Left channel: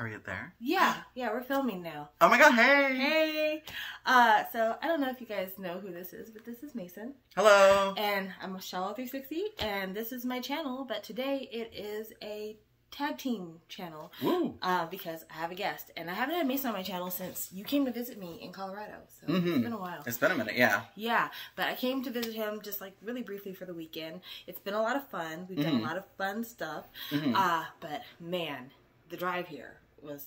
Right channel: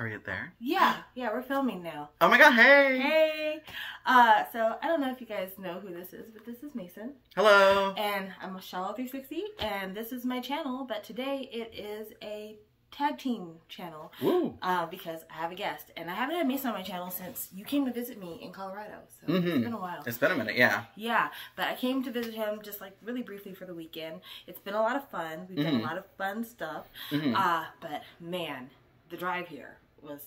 Are you there? Yeah, we're filming now. Oh my god, hey! Hey! So, I don't know if you guys know who this is, but this is Mason. Hello! And I'm Michelle360, and this is my channel, but today it is a tag team channel. Woo! Because I have a guest, and I haven't had Mason on my channel since you came to visit me in Colorado, so It's been a while. It's been a minute, yeah. Yeah, but I came to visit him just like really briefly for the weekend. It's been a lot of fun. We've done a lot of fun stuff. But man, the drive here was...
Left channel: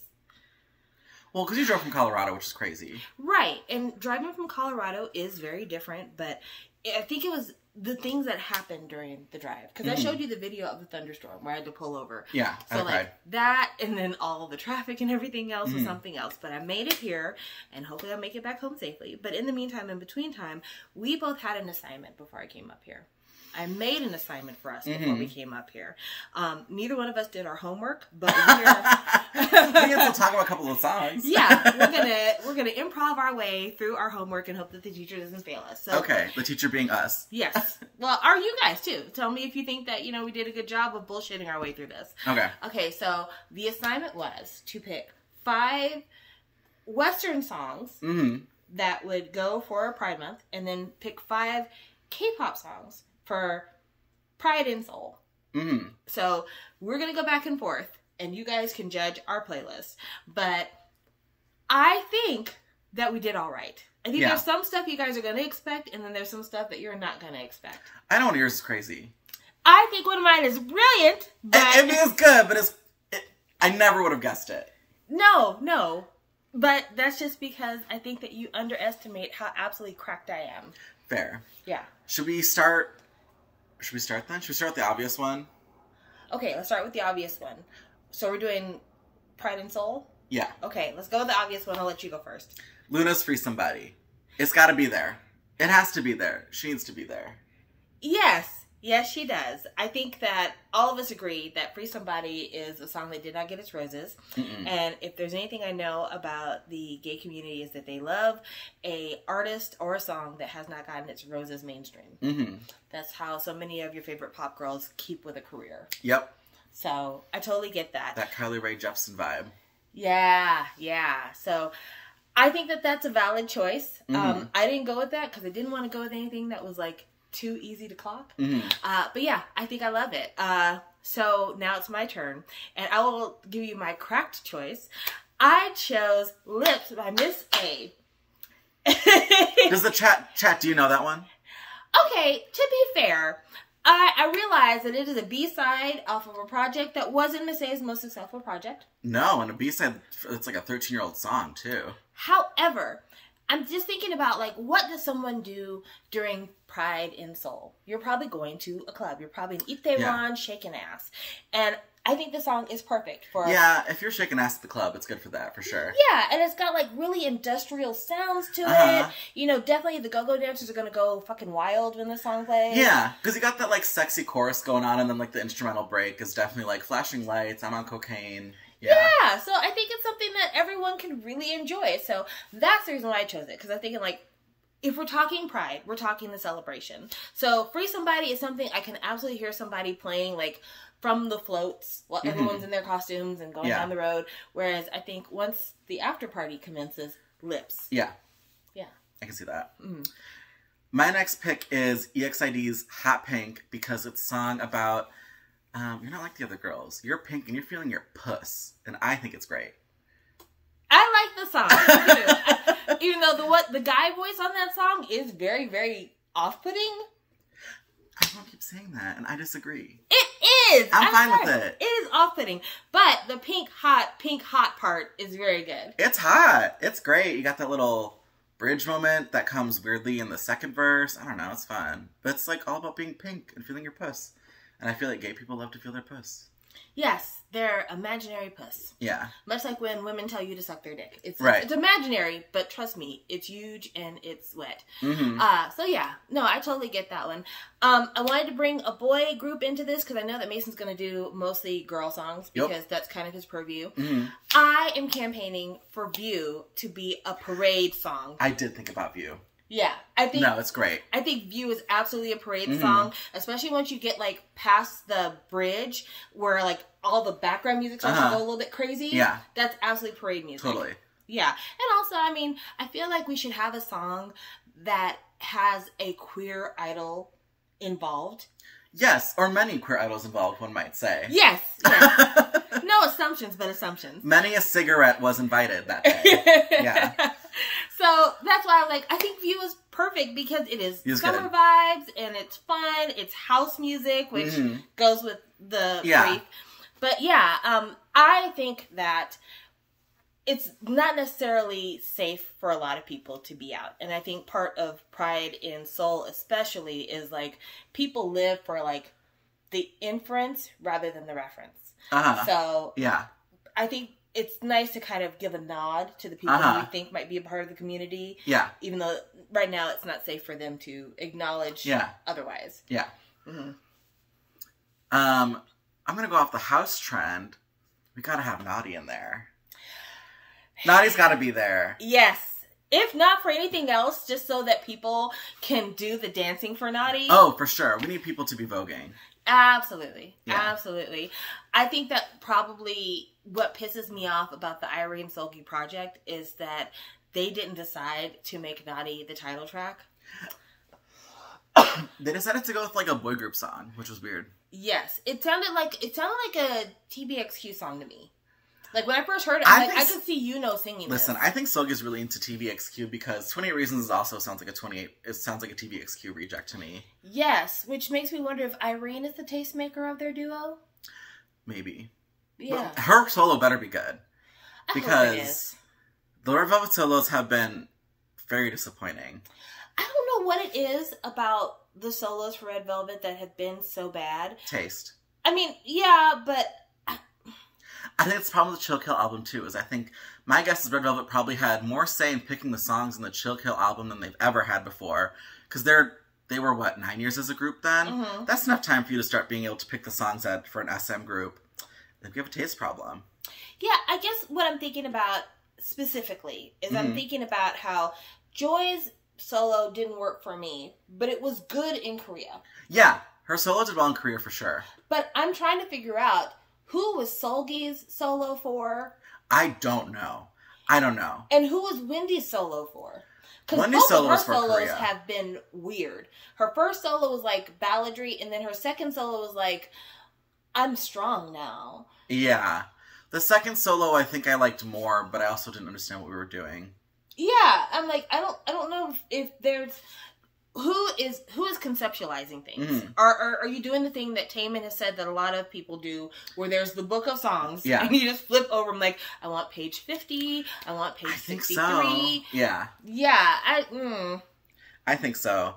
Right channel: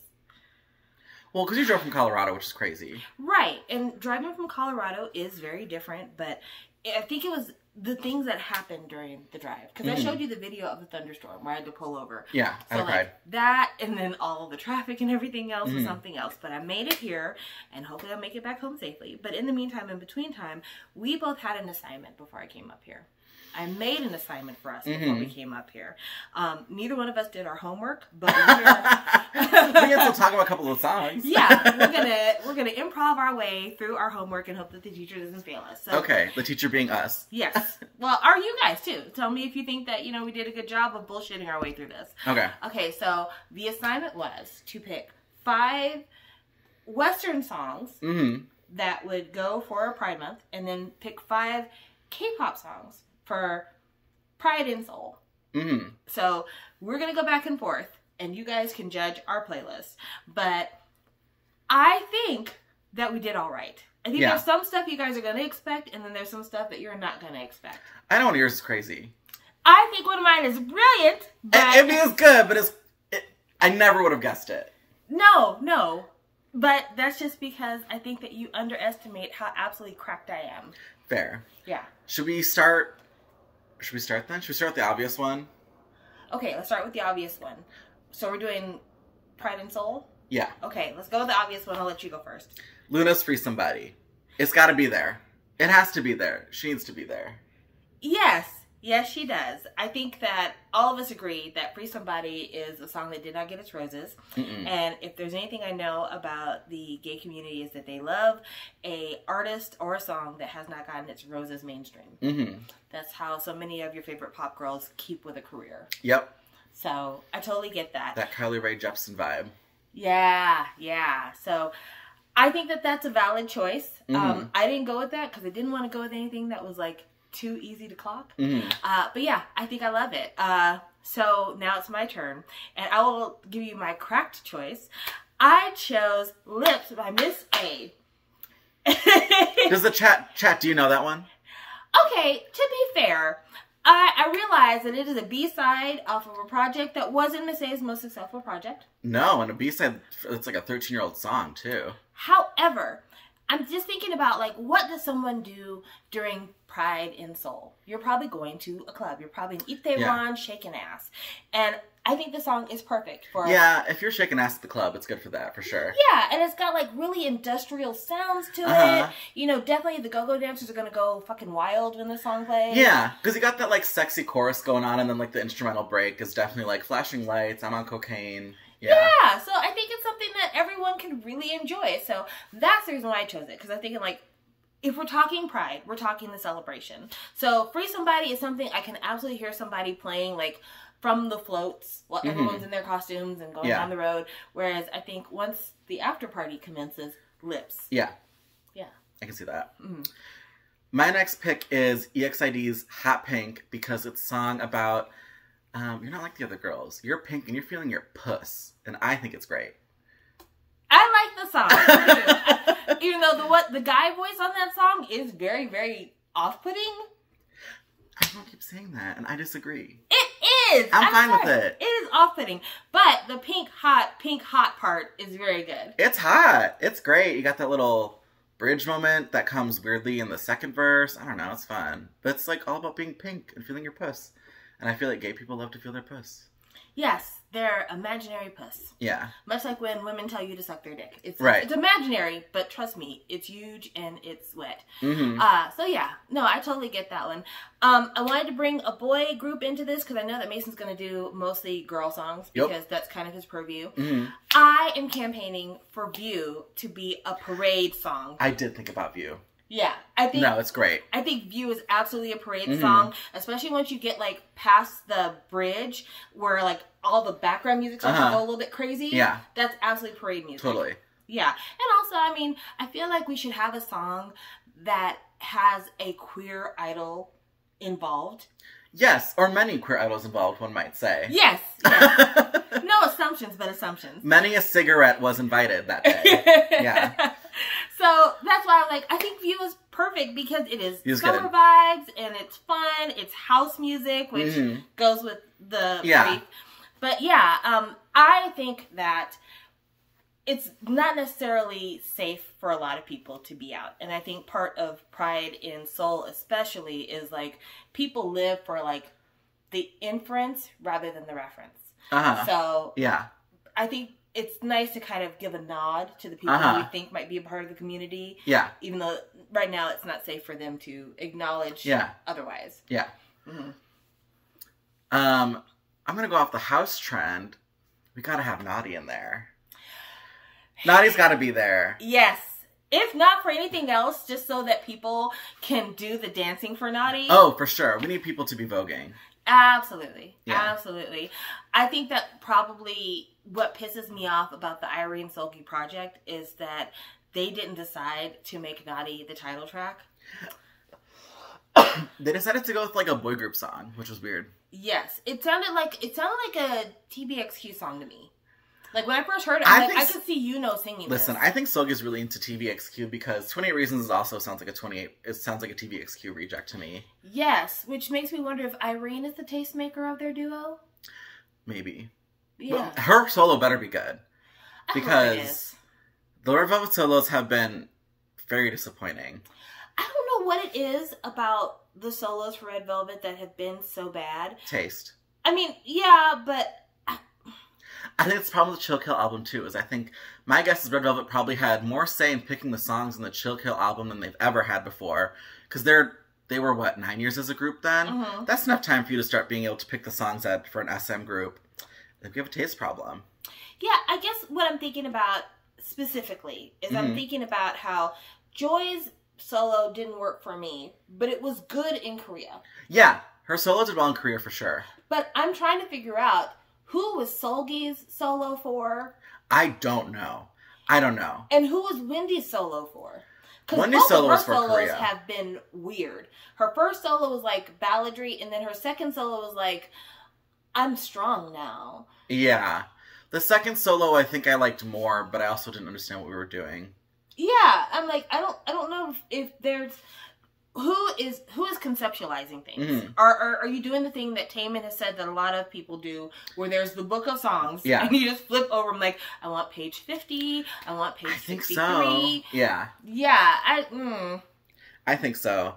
Well, because you drove from Colorado, which is crazy. Right, and driving from Colorado is very different, but I think it was the things that happened during the drive. Because I showed you the video of the thunderstorm where I had to pull over. Yeah, so like that, and then all the traffic and everything else was something else. But I made it here, and hopefully I'll make it back home safely. But in the meantime, in between time, we both had an assignment before I came up here. I made an assignment for us before we came up here. Neither one of us did our homework, but we can still talk about a couple of songs. Yeah, we're gonna improv our way through our homework and hope that the teacher doesn't fail us. So, okay, the teacher being us. Yes. Well, are you guys too? Tell me if you think that we did a good job of bullshitting our way through this. Okay. Okay. So the assignment was to pick 5 Western songs that would go for Pride Month, and then pick 5 K-pop songs for Pride and Soul. So we're going to go back and forth, and you guys can judge our playlist. But I think that we did all right. I think there's some stuff you guys are going to expect, and then there's some stuff that you're not going to expect. I know yours is crazy. I think one of mine is brilliant. But It is good, but I never would have guessed it. No. But that's just because I think that you underestimate how absolutely cracked I am. Fair. Yeah. Should we start then? Should we start with the obvious one? Okay, let's start with the obvious one. So we're doing Pride and Soul? Yeah. Okay, let's go with the obvious one. I'll let you go first. Luna's Free Somebody. It's got to be there. It has to be there. She needs to be there. Yes. Yes, she does. I think that all of us agree that Free Somebody is a song that did not get its roses. And if there's anything I know about the gay community is that they love a artist or a song that has not gotten its roses mainstream. That's how so many of your favorite pop girls keep with a career. Yep. So I totally get that. That Kylie Rae Jepsen vibe. Yeah. So I think that that's a valid choice. I didn't go with that because I didn't want to go with anything that was like too easy to clock. But yeah, I think I love it. So now it's my turn, and I will give you my cracked choice. I chose Lips by Miss A. Does the chat, do you know that one? Okay, to be fair, I realize that it is a B-side off of a project that wasn't Miss A's most successful project. No, and a B-side, it's like a 13-year-old song, too. However, I'm just thinking about, like, what does someone do during Pride and Soul? You're probably going to a club. You're probably in Itaewon shaking ass. And I think the song is perfect for... Yeah, if you're shaking ass at the club, it's good for that, for sure. Yeah, and it's got, like, really industrial sounds to it. You know, definitely the go-go dancers are going to go fucking wild when the song plays. Yeah, because you got that, like, sexy chorus going on, and then, like, the instrumental break is definitely, like, flashing lights, I'm on cocaine... Yeah, so I think it's something that everyone can really enjoy. So that's the reason why I chose it. Because I'm thinking, like, if we're talking Pride, we're talking the celebration. So Free Somebody is something I can absolutely hear somebody playing, like, from the floats while everyone's in their costumes and going down the road. Whereas I think once the after party commences, Lips. Yeah. Yeah. I can see that. My next pick is EXID's Hot Pink because it's a song about... you're not like the other girls. You're pink and you're feeling your puss. And I think it's great. I like the song. Even though the guy voice on that song is very, very off-putting. I don't keep saying that, and I disagree. It is! I'm fine with it. It is off-putting. But the pink hot part is very good. It's hot. It's great. You got that little bridge moment that comes weirdly in the second verse. I don't know. It's fun. But it's like all about being pink and feeling your puss. And I feel like gay people love to feel their puss. Yes, their imaginary puss. Yeah. Much like when women tell you to suck their dick. It's imaginary, but trust me, it's huge and it's wet. So yeah, no, I totally get that one. I wanted to bring a boy group into this because I know that Mason's going to do mostly girl songs because that's kind of his purview. I am campaigning for View to be a parade song. I did think about View. Yeah, I think no, it's great. I think View is absolutely a parade song, especially once you get like past the bridge where like all the background music starts to go a little bit crazy. Yeah. That's absolutely parade music. Totally. Yeah. And also, I mean, I feel like we should have a song that has a queer idol involved. Yes, or many queer idols involved, one might say. Yes. Yes. No assumptions, but assumptions. Many a cigarette was invited that day. Yeah. So that's why I'm like, I think View is perfect because it is summer vibes and it's fun. It's house music, which goes with the brief. But yeah, I think that it's not necessarily safe for a lot of people to be out. And I think part of Pride in Seoul especially is like people live for like the inference rather than the reference. So yeah, I think it's nice to kind of give a nod to the people who you think might be a part of the community. Yeah. Even though right now it's not safe for them to acknowledge otherwise. Yeah. I'm going to go off the house trend. We got to have Naughty in there. Naughty's got to be there. Yes. If not for anything else, just so that people can do the dancing for Naughty. Oh, for sure. We need people to be voguing. Absolutely. Yeah. Absolutely. I think that probably what pisses me off about the Irene Seulgi project is that they didn't decide to make Naughty the title track. They decided to go with like a boy group song, which was weird. Yes. It sounded like a TVXQ song to me. Like, when I first heard it, I could see singing Listen, I think Seulgi's really into TVXQ because 28 Reasons also sounds like it sounds like a TVXQ reject to me. Yes, which makes me wonder if Irene is the tastemaker of their duo? Maybe. Yeah. But her solo better be good. Because the Red Velvet solos have been very disappointing. I don't know what it is about the solos for Red Velvet that have been so bad. Taste. I mean, yeah, but I think it's the problem with the Chill Kill album, too, is I think, my guess is Red Velvet probably had more say in picking the songs in the Chill Kill album than they've ever had before. Because they were, what, 9 years as a group then? That's enough time for you to start being able to pick the songs for an SM group. If you have a taste problem. Yeah, I guess what I'm thinking about specifically is I'm thinking about how Joy's solo didn't work for me, but it was good in Korea. Yeah, her solo did well in Korea for sure. But I'm trying to figure out who was Seulgi's solo for? I don't know. I don't know. And who was Wendy's solo for? Because Wendy's solo was for Korea. Both of her solos have been weird. Her first solo was like balladry, and then her second solo was like, I'm strong now. Yeah. The second solo I think I liked more, but I also didn't understand what we were doing. Yeah, I'm like, I don't know if there's who is conceptualizing things. Are you doing the thing that Taemin has said that a lot of people do, where there's the book of songs, and you just flip over? I'm like, I want page 50, I want page 63. Think so. Yeah. Yeah, I think so.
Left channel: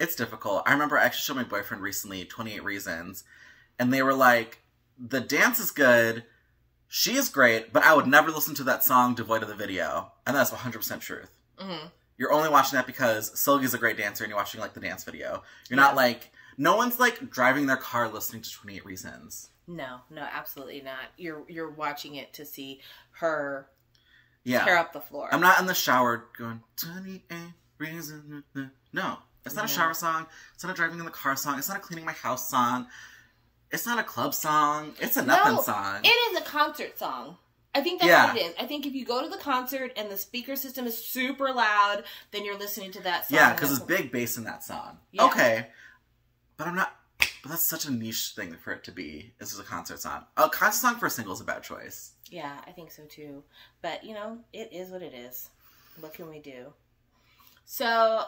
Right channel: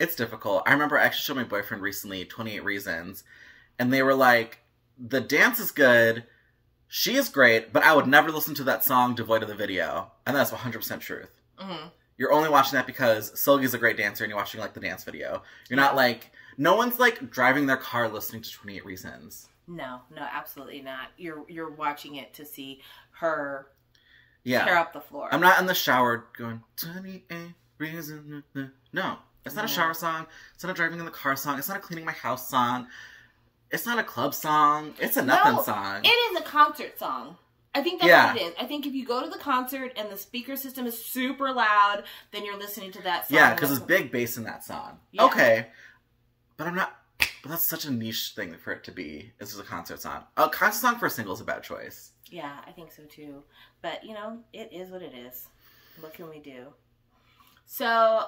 It's difficult. I remember I actually showed my boyfriend recently 28 Reasons, and they were like, the dance is good, she is great, but I would never listen to that song devoid of the video. And that's 100% truth. You're only watching that because Seulgi's a great dancer and you're watching, like, the dance video. You're not, like... No one's, like, driving their car listening to 28 Reasons. No, absolutely not. You're watching it to see her tear up the floor. I'm not in the shower going, 28 Reasons. No. It's not a shower song. It's not a driving in the car song. It's not a cleaning my house song. It's not a club song. It's a nothing song. It is a concert song. I think that's what it is. I think if you go to the concert and the speaker system is super loud, then you're listening to that song. Yeah, because there's big bass in that song. Yeah. Okay. But I'm not... But that's such a niche thing for it to be. This is a concert song. A concert song for a single is a bad choice. Yeah, I think so too. But, you know, it is what it is. What can we do? So,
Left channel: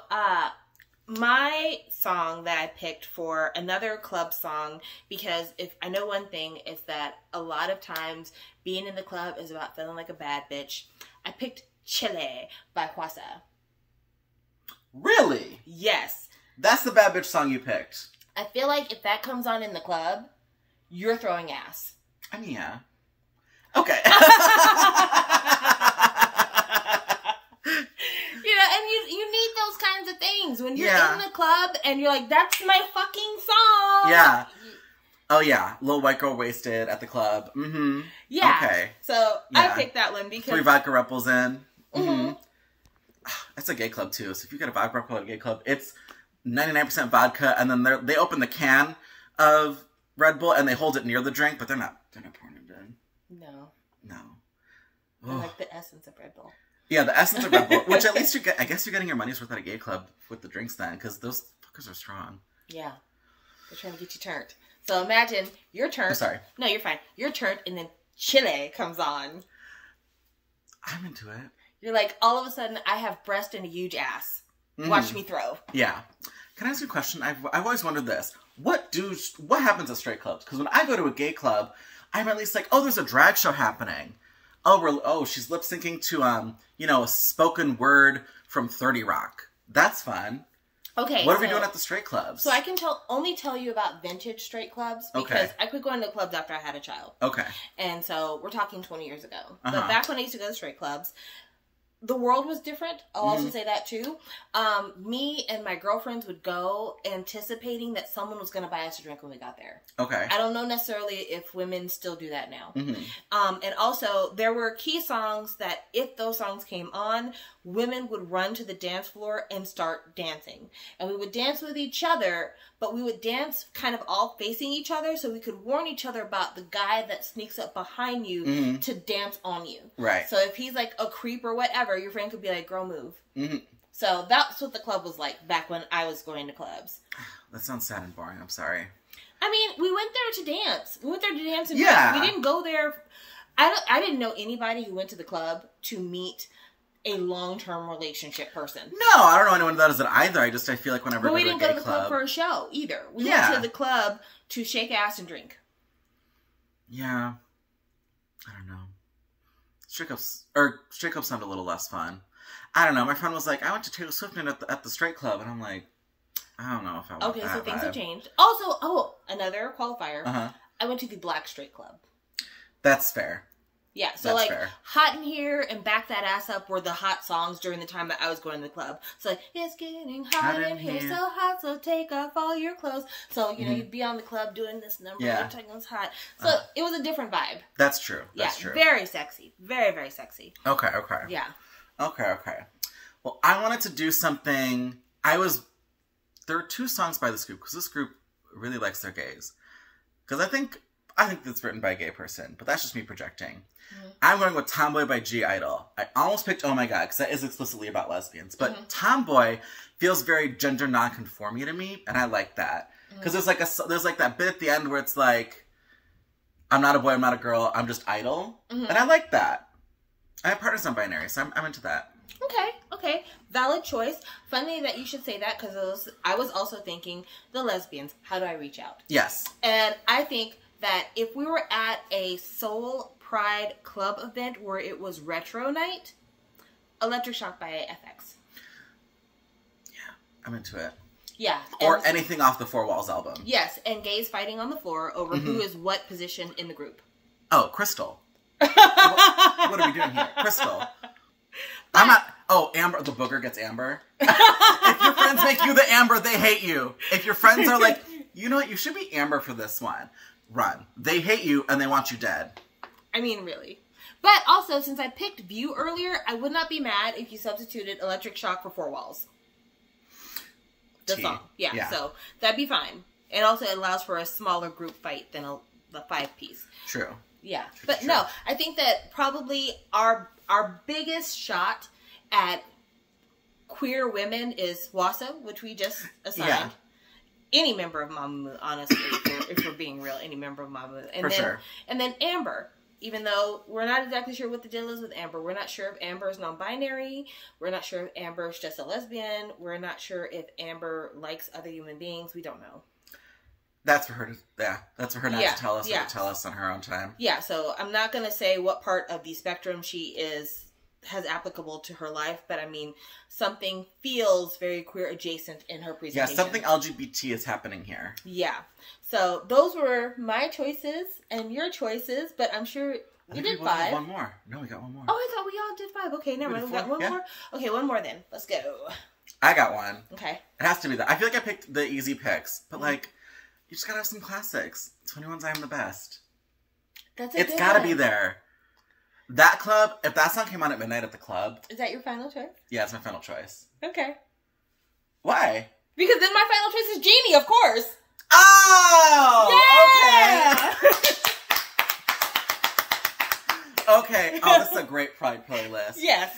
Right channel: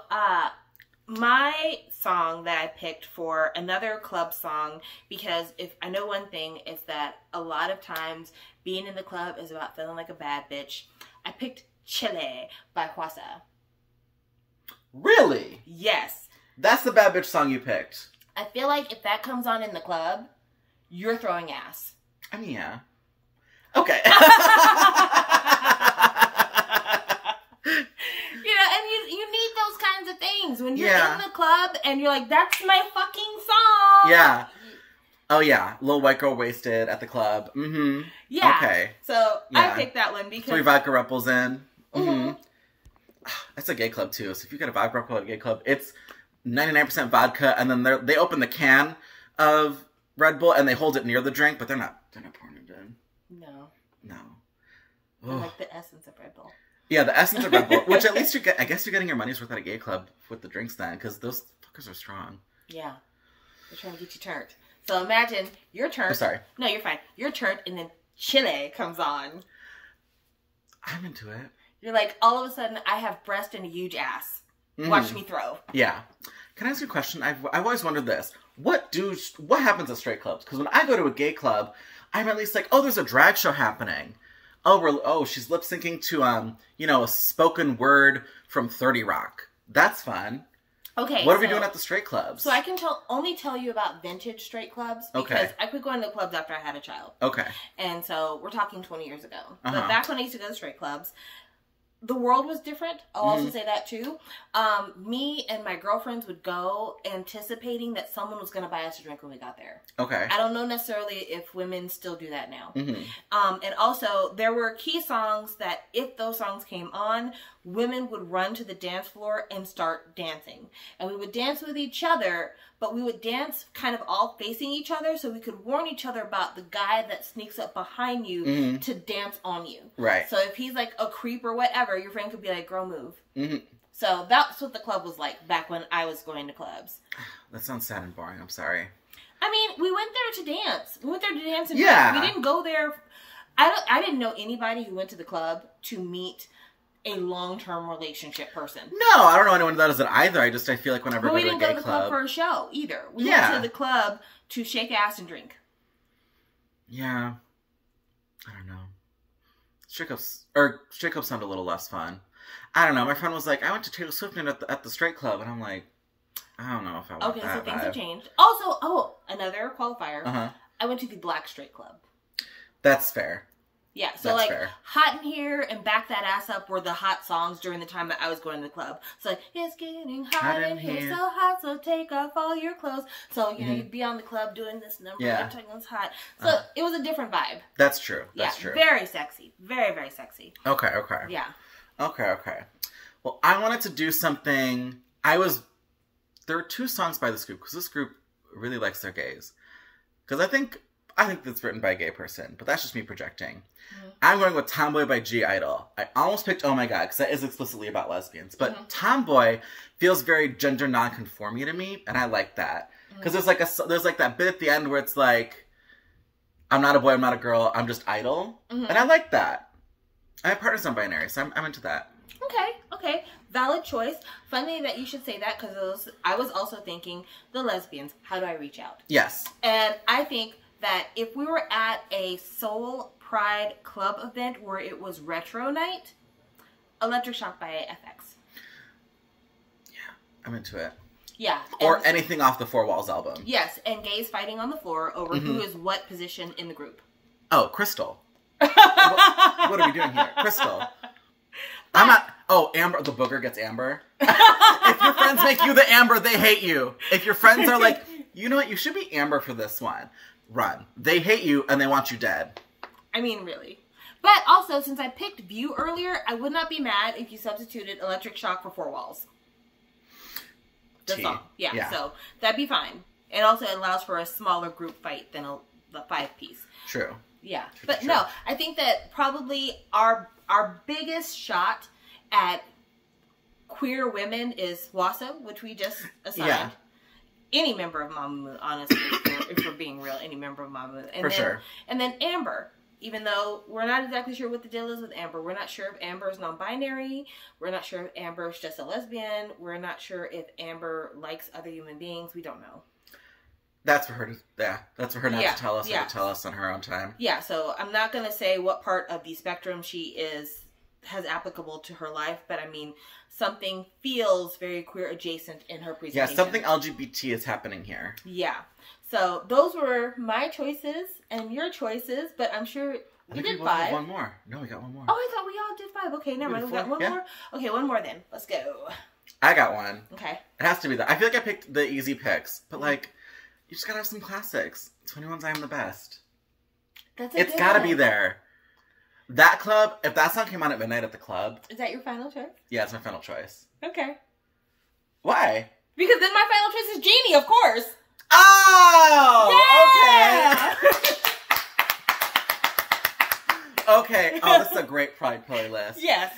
my song that I picked for another club song, because if I know one thing, it's that a lot of times being in the club is about feeling like a bad bitch. I picked Chile by Hwasa. Really? Yes. That's the bad bitch song you picked. I feel like if that comes on in the club, you're throwing ass. I mean, yeah. Okay. You need those kinds of things when you're in the club and you're like, that's my fucking song. Yeah. Oh, yeah. Little white girl wasted at the club. Yeah. Okay. So I picked that one because 3 vodka Ruppels in. That's a gay club, too. So if you get a vodka Ruppel at a gay club, it's 99% vodka, and then they open the can of Red Bull and they hold it near the drink, but they're not pouring it in. No. No. I like the essence of Red Bull. Yeah, the essence of Red Bull, which at least I guess you're getting your money's worth at a gay club with the drinks then, because those fuckers are strong. Yeah. They're trying to get you turned. So imagine you're turned. I'm sorry. No, you're fine. You're turned and then Chile comes on. I'm into it. You're like, all of a sudden, I have breast and a huge ass. Watch me throw. Yeah. Can I ask you a question? I've always wondered this. What happens at straight clubs? Because when I go to a gay club, I'm at least like, oh, there's a drag show happening. Oh, she's lip syncing to a spoken word from 30 Rock. That's fun. Okay. What are we doing at the straight clubs? So I can only tell you about vintage straight clubs because I quit going to clubs after I had a child. Okay. And so we're talking 20 years ago. But back when I used to go to straight clubs, the world was different. I'll also say that too. Me and my girlfriends would go anticipating that someone was going to buy us a drink when we got there. Okay. I don't know necessarily if women still do that now. And also, there were key songs that if those songs came on, women would run to the dance floor and start dancing. And we would dance with each other, but we would dance kind of all facing each other so we could warn each other about the guy that sneaks up behind you to dance on you. Right. So if he's like a creep or whatever, your friend could be like, girl, move. So that's what the club was like back when I was going to clubs. That sounds sad and boring. I'm sorry. I mean, we went there to dance. We went there to dance and yeah. We didn't go there. I didn't know anybody who went to the club to meet a long-term relationship person. No, I don't know anyone that does it either. I feel like whenever I go to a gay club. We didn't go to the club for a show either. We went to the club to shake ass and drink. Yeah. I don't know. Straight clubs sound a little less fun. I don't know. My friend was like, I went to Taylor Swift night at the straight club, and I'm like, I don't know if I want that. Okay, so things have changed. Also, another qualifier. I went to the Black Straight Club. That's fair. Yeah, so that's fair. Hot in Here and Back That Ass Up were the hot songs during the time that I was going to the club. So like, it's getting hot in here, so hot, so take off all your clothes. So, you know, you'd be on the club doing this number, every time it was hot. So it was a different vibe. That's true. That's true. Very sexy. Very, very sexy. Okay. Yeah. Okay. Well, I wanted to do something. There are two songs by this group, because this group really likes their gays. Because I think it's written by a gay person, but that's just me projecting. I'm going with Tomboy by G-Idol. I almost picked Oh My God, because that is explicitly about lesbians. But Tomboy feels very gender non-conforming to me, and I like that. Because there's like that bit at the end where it's like, I'm not a boy, I'm not a girl, I'm just idol. And I like that. My partner's non-binary, so I'm into that. Okay. Valid choice. Funny that you should say that, because I was also thinking, the lesbians, how do I reach out? Yes. And I think that if we were at a Soul Pride Club event where it was retro night, Electric Shock by FX. Yeah, I'm into it. Yeah. Or anything off the Four Walls album. Yes, and gays fighting on the floor over who is what position in the group. Oh, Crystal. what are we doing here? Crystal. I'm not... Oh, Amber. The booger gets Amber. If your friends make you the Amber, they hate you. If your friends are like, you know what, you should be Amber for this one. Run. They hate you and they want you dead. I mean, really. But also, since I picked View earlier, I would not be mad if you substituted Electric Shock for Four Walls. The song. Yeah, so that'd be fine. It also allows for a smaller group fight than the 5-piece. True. Yeah. But no, I think that probably our biggest shot at queer women is Wassa, which we just assigned. Yeah. Any member of Mamamoo, honestly, if we're being real, any member of Mamamoo. And then Amber. Even though we're not exactly sure what the deal is with Amber. We're not sure if Amber is non-binary. We're not sure if Amber is just a lesbian. We're not sure if Amber likes other human beings. We don't know. That's for her that's for her not to tell us or to tell us on her own time. Yeah, so I'm not going to say what part of the spectrum she has applicable to her life, but I mean, something feels very queer adjacent in her presentation. Yeah, something LGBT is happening here. Yeah. So those were my choices and your choices, but I'm sure we did 5. One more. No, we got one more. Oh, I thought we all did 5. Okay, never mind. We got one more? Okay, one more then. Let's go. I got one. Okay. It has to be that. I feel like I picked the easy picks, but like, you just gotta have some classics. 21's I Am the Best. It's gotta be there. That club, if that song came on at midnight at the club. Is that your final choice? Yeah, it's my final choice. Okay. Why? Because then my final choice is Genie, of course. Oh! Yeah! Okay. Okay. Oh, this is a great Pride playlist. Yes.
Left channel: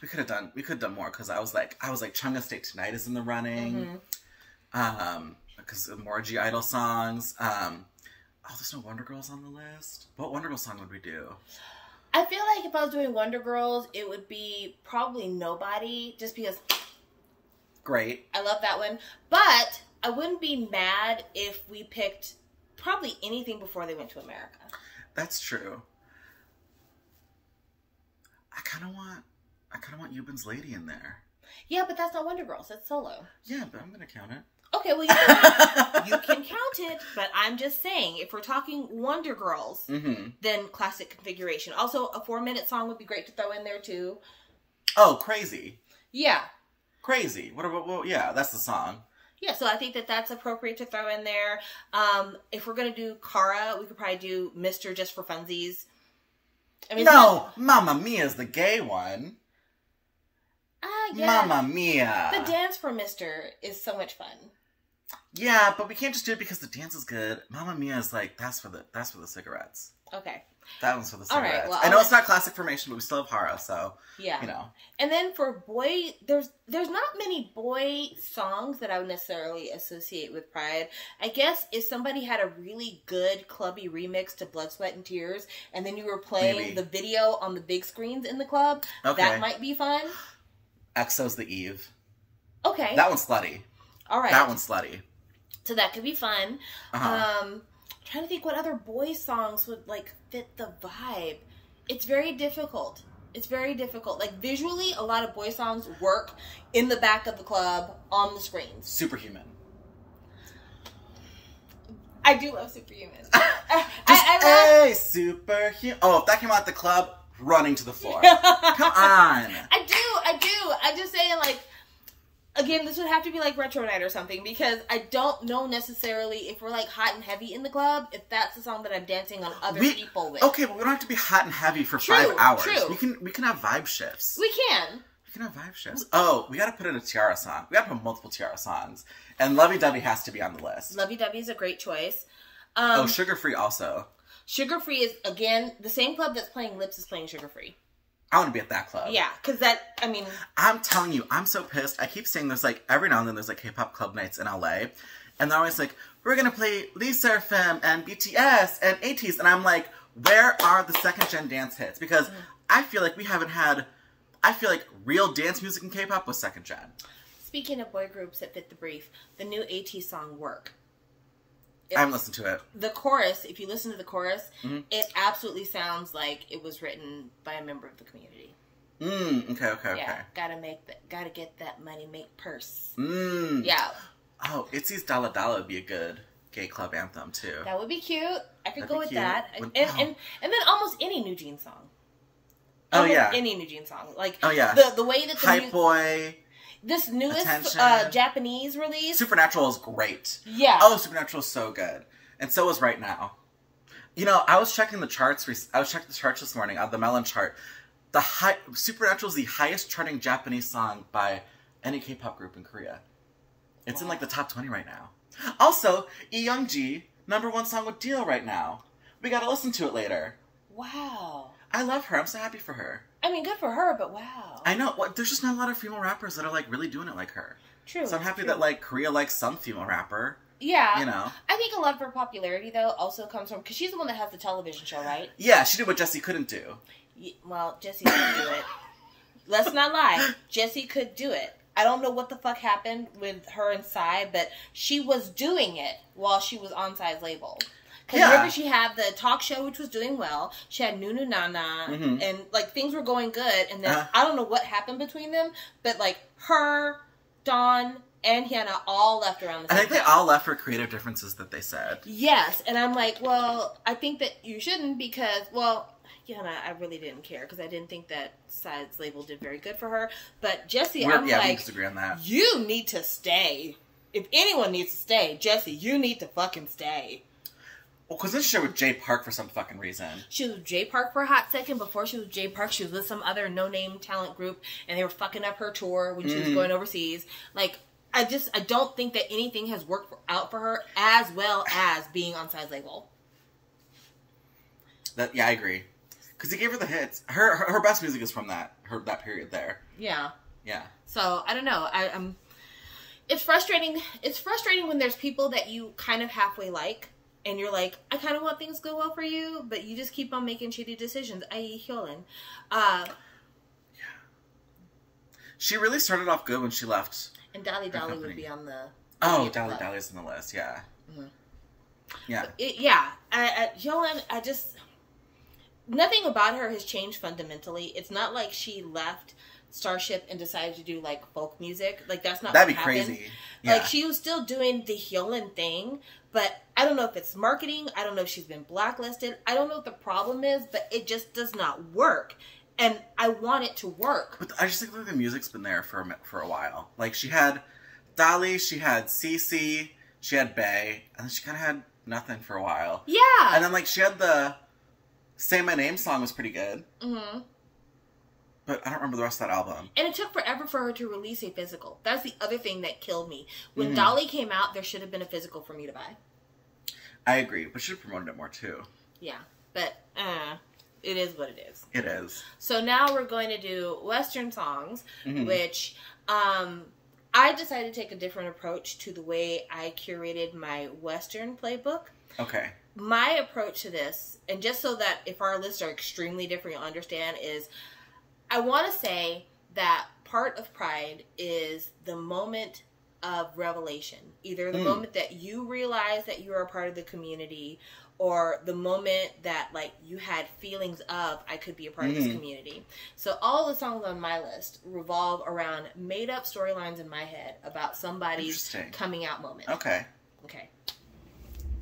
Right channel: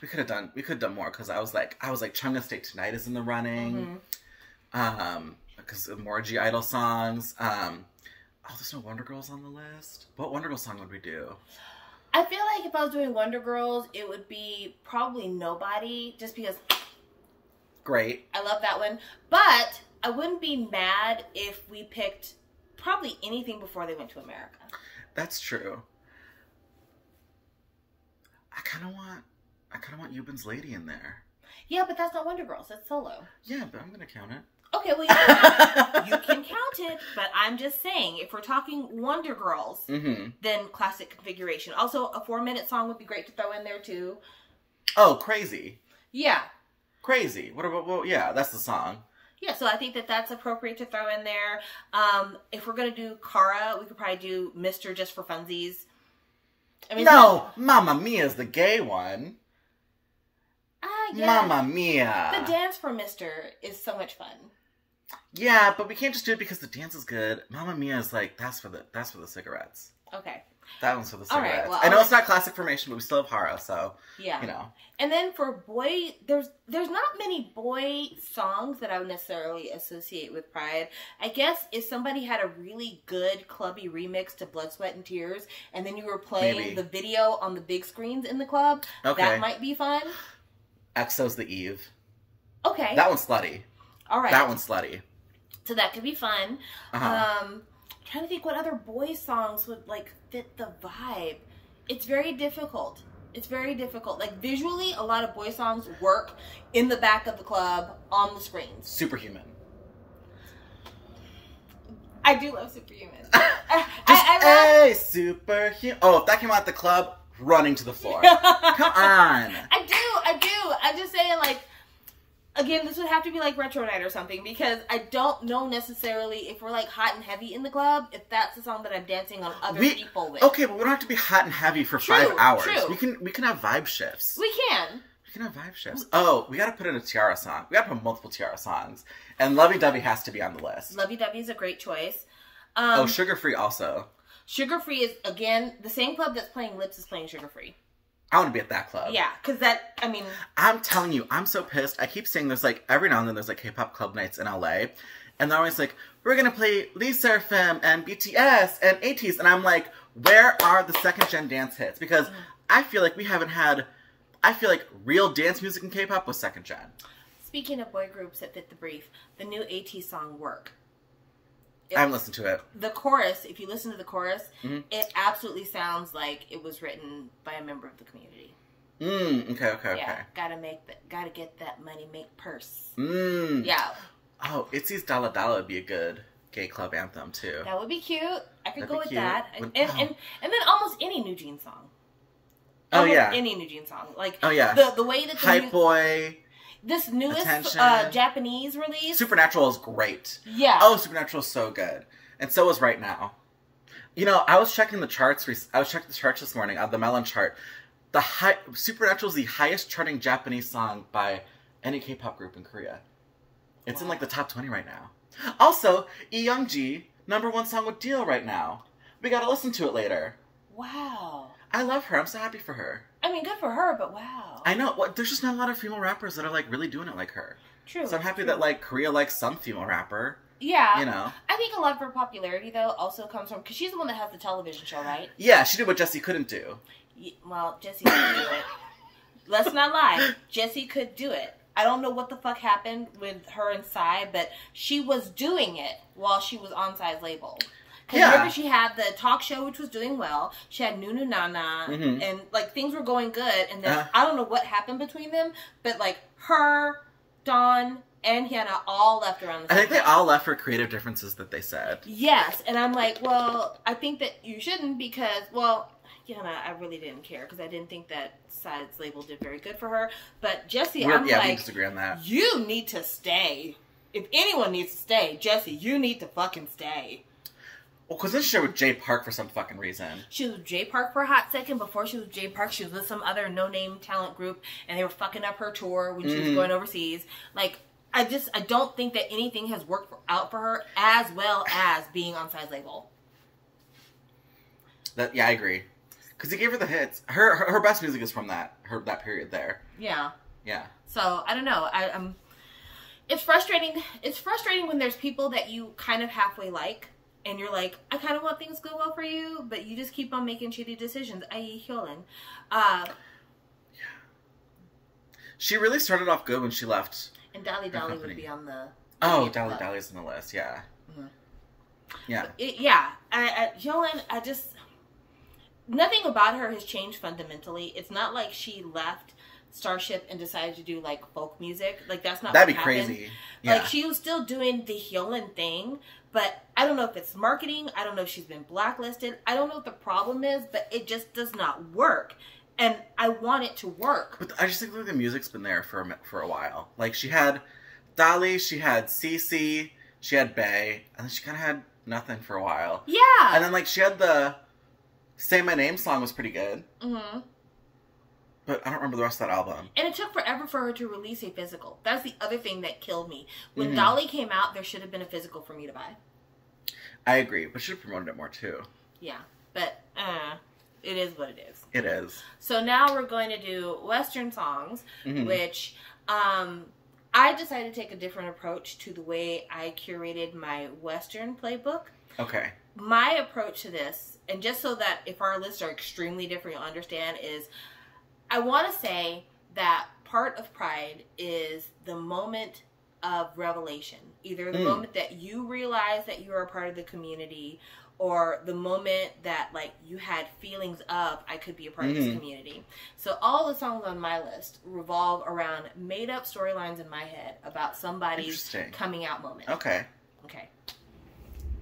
We could have done more because I was like Chunga State Tonight is in the running. Because of more G Idol songs. Oh, there's no Wonder Girls on the list. What Wonder Girl song would we do? I feel like if I was doing Wonder Girls, it would be probably Nobody, just because. Great. I love that one. But I wouldn't be mad if we picked probably anything before they went to America. That's true. I kind of want Eubin's Lady in there. Yeah, but that's not Wonder Girls. That's solo. Yeah, but I'm going to count it. Okay, well, you can count it, but I'm just saying, if we're talking Wonder Girls, then classic configuration. Also, a 4-minute song would be great to throw in there, too. Oh, Crazy. Yeah. Crazy. What about, well, yeah, that's the song. Yeah, so I think that that's appropriate to throw in there. If we're going to do Cara, we could probably do Mr. just for funsies. I mean, no, Mamma Mia is the gay one. Yeah. Mamma Mia. The dance for Mr. is so much fun. Yeah, but we can't just do it because the dance is good. Mamma Mia is like, that's for the cigarettes. Okay. That one's for the cigarettes. Right, well, I know it's not classic formation, but we still have Hara, so, yeah. You know. And then for boy, there's not many boy songs that I would necessarily associate with Pride. I guess if somebody had a really good clubby remix to Blood, Sweat, and Tears, and then you were playing the video on the big screens in the club, that might be fun. EXO's The Eve. Okay. That one's slutty. All right. That one's slutty. So that could be fun. Trying to think what other boy songs would like fit the vibe. It's very difficult. It's very difficult. Like visually, a lot of boy songs work in the back of the club on the screens. Superhuman. I do love Superhuman. Superhuman. Oh, if that came out at the club, running to the floor. Come on. I do. I'm just saying, like, again, this would have to be like Retro Night or something, because I don't know necessarily if we're like hot and heavy in the club, if that's the song that I'm dancing on other people with. Okay, but we don't have to be hot and heavy for 5 hours. True. We can have vibe shifts. We can. We can have vibe shifts. Oh, we gotta put in a Tiara song. We gotta put multiple Tiara songs. And Lovey Dovey has to be on the list. Lovey Dovey is a great choice. Sugar Free also. Sugar Free is, again, the same club that's playing Lips is playing Sugar Free. I want to be at that club. Yeah, because that, I mean... I'm telling you, I'm so pissed. I keep saying there's like, every now and then there's like K-pop club nights in LA. And they're always like, we're going to play Lee Seraphim and BTS and ATEEZ. And I'm like, where are the second-gen dance hits? Because I feel like we haven't had... I feel like real dance music in K-pop was second-gen. Speaking of boy groups that fit the brief, the new ATEEZ song, Work. I haven't listened to it. The chorus, if you listen to the chorus, it absolutely sounds like it was written by a member of the community. Okay. Gotta get that money, make purse. Yeah. Oh, Itzy's Dala Dala would be a good gay club anthem, too. That would be cute. I could go with that. And then almost any New Jeans song. Any New Jeans song. Like, the way that the Hype Boy... This newest Japanese release. Supernatural is great. Yeah. Oh, Supernatural is so good. And so is Right Now. You know, I was checking the charts. I was checking the charts this morning on the Melon chart. Supernatural is the highest charting Japanese song by any K-pop group in Korea. It's in like the top 20 right now. Also, Lee Young-ji, #1 song with Deal right now. We gotta listen to it later. Wow. I love her. I'm so happy for her. I mean, good for her, but wow. I know. There's just not a lot of female rappers that are, like, really doing it like her. True. So I'm happy that, like, Korea likes some female rapper. Yeah. You know. I think a lot of her popularity, though, also comes from... Because she's the one that has the television show, right? Yeah, she did what Jessie couldn't do. Well, Jessie could do it. Let's not lie. Jessie could do it. I don't know what the fuck happened with her and Psy, but she was doing it while she was on Psy's label. Because remember, she had the talk show, which was doing well. She had Nunu Nana, and, like, things were going good. And then, I don't know what happened between them, but, like, her, Dawn, and Hannah all left around the same time. I think they all left for creative differences that they said. Yes, and I'm like, well, I think that you shouldn't because, well... Hannah, I really didn't care because I didn't think that Psy's label did very good for her. But Jessie, I'm like... we disagree on that. You need to stay. If anyone needs to stay, Jessie, you need to fucking stay. Well, because then she was with Jay Park for some fucking reason. She was with Jay Park for a hot second. Before she was with Jay Park, she was with some other no-name talent group, and they were fucking up her tour when she was going overseas. Like, I don't think that anything has worked out for her as well as being on Psy's label. Yeah, I agree. Because he gave her the hits. Her best music is from that period there. Yeah. Yeah. So I don't know. It's frustrating. It's frustrating when there's people that you kind of halfway like, and you're like, I kind of want things to go well for you, but you just keep on making shitty decisions. I.e., Hyolyn. Yeah. She really started off good when she left. And Dolly would be on the. Oh, Dolly's on the list. Yeah. Mm-hmm. Yeah. Hyolyn, nothing about her has changed fundamentally. It's not like she left Starship and decided to do like folk music. Like that's not that'd be crazy. Yeah. Like she was still doing the Hyolyn thing, but I don't know if it's marketing. I don't know if she's been blacklisted. I don't know what the problem is, but it just does not work. And I want it to work. But I just think like the music's been there for a while. Like she had Dolly, she had Cece, she had Bae, and then she kind of had nothing for a while. Yeah. And then like she had the Say My Name song was pretty good. Mm-hmm. But I don't remember the rest of that album. And it took forever for her to release a physical. That's the other thing that killed me. When Dolly came out, there should have been a physical for me to buy. I agree, but she should have promoted it more too. Yeah, but it is what it is. It is. So now we're going to do Western songs, which I decided to take a different approach to the way I curated my Western playbook. Okay. My approach to this, and just so that if our lists are extremely different, you'll understand, is I want to say that part of Pride is the moment of revelation. Either the moment that you realize that you're a part of the community, or the moment that like you had feelings of I could be a part of this community. So all the songs on my list revolve around made up storylines in my head about somebody's coming out moment. Okay. Okay.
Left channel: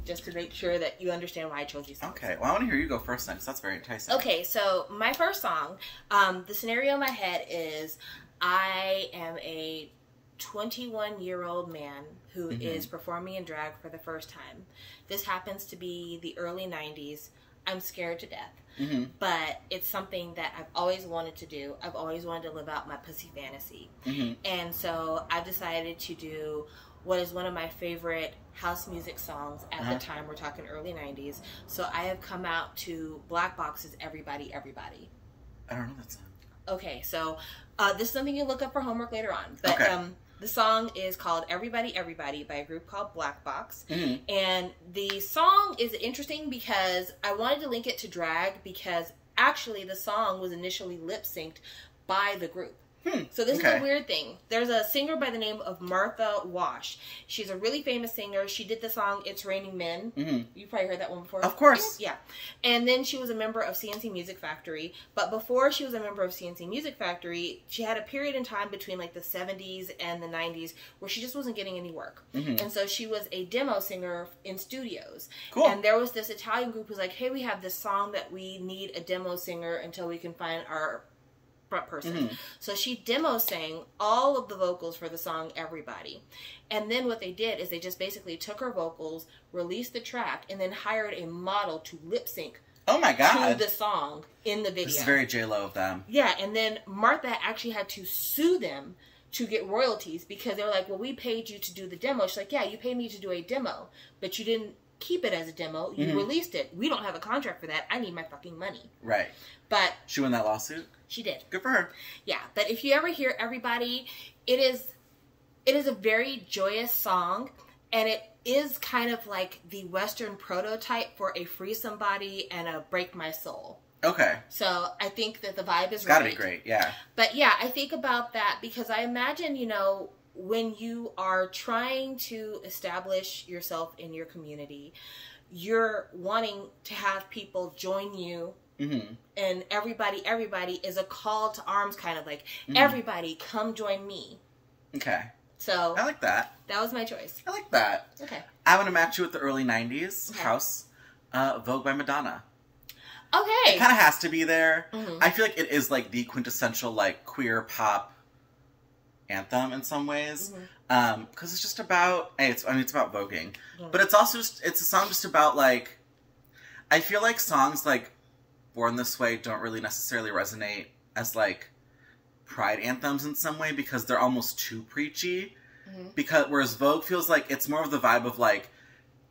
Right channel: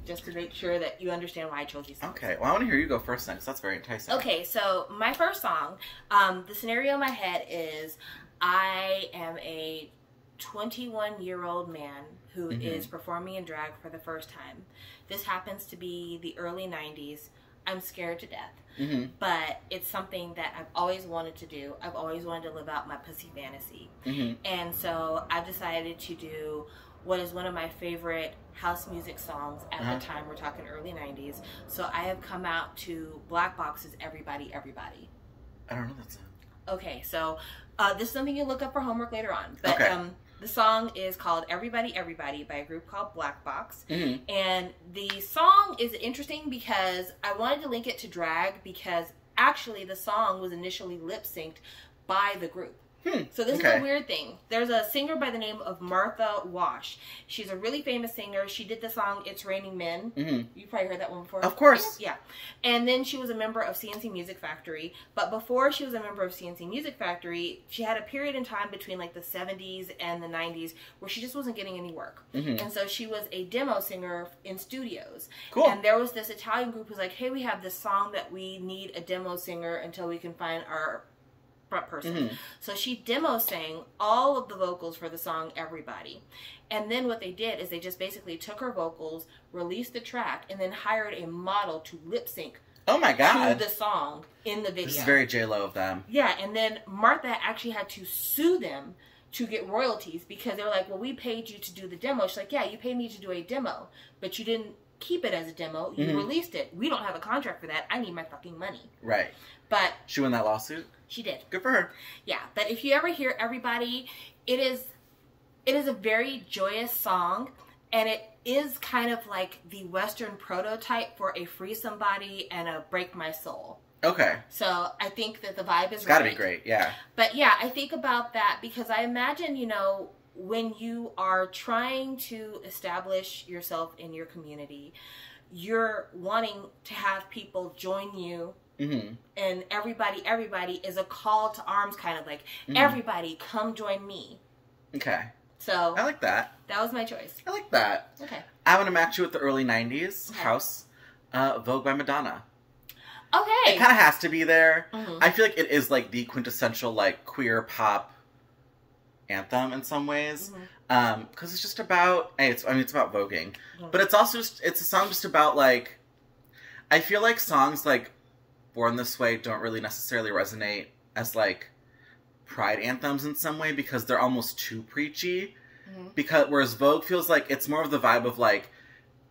Just to make sure that you understand why I chose these songs. Okay. Well, I want to hear you go first then, because that's very enticing. Okay, so my first song, the scenario in my head is I am a 21-year-old man who is performing in drag for the first time. This happens to be the early 90s. I'm scared to death. But it's something that I've always wanted to do. I've always wanted to live out my pussy fantasy. And so I've decided to do what is one of my favorite house music songs at the time. We're talking early 90s. So I have come out to Black Box's Everybody, Everybody. I don't know that song. Okay, so this is something you look up for homework later on. But the song is called Everybody, Everybody by a group called Black Box. And the song is interesting because I wanted to link it to drag because actually the song was initially lip-synced by the group. So this is a weird thing. There's a singer by the name of Martha Wash. She's a really famous singer. She did the song It's Raining Men. You probably heard that one before. Of course. Yeah. And then she was a member of CNC Music Factory. But before she was a member of CNC Music Factory, she had a period in time between like the 70s and the 90s where she just wasn't getting any work. And so she was a demo singer in studios. Cool. And there was this Italian group who's like, hey, we have this song that we need a demo singer until we can find our front person. So she demo sang all of the vocals for the song Everybody. And then what they did is they just basically took her vocals, released the track, and then hired a model to lip sync to the song in the video. This is very J-Lo of them. Yeah, and then Martha actually had to sue them to get royalties because they were like, well, we paid you to do the demo. She's like, yeah, you paid me to do a demo, but you didn't keep it as a demo. You released it. We don't have a contract for that. I need my fucking money. Right. But she won that lawsuit? She did. Good for her. Yeah, but if you ever hear Everybody, it is a very joyous song, and it is kind of like the Western prototype for a Free Somebody and a Break My Soul. Okay. So I think that the vibe is it's gotta be great, yeah. But yeah, I think about that because I imagine, you know, when you are trying to establish yourself in your community, you're wanting to have people join you. And everybody is a call to arms, kind of like, everybody come join me. Okay. So I like that. That was my choice. I like that. Okay. I want to match you with the early 90s house, Vogue by Madonna. Okay. It kind of has to be there. I feel like it is like the quintessential like queer pop anthem in some ways. Because it's just about, it's about voguing. But it's also just, it's a song just about like, I feel like songs like Born This Way don't really necessarily resonate as like pride anthems in some way because they're almost too preachy. Because whereas Vogue feels like it's more of the vibe of like,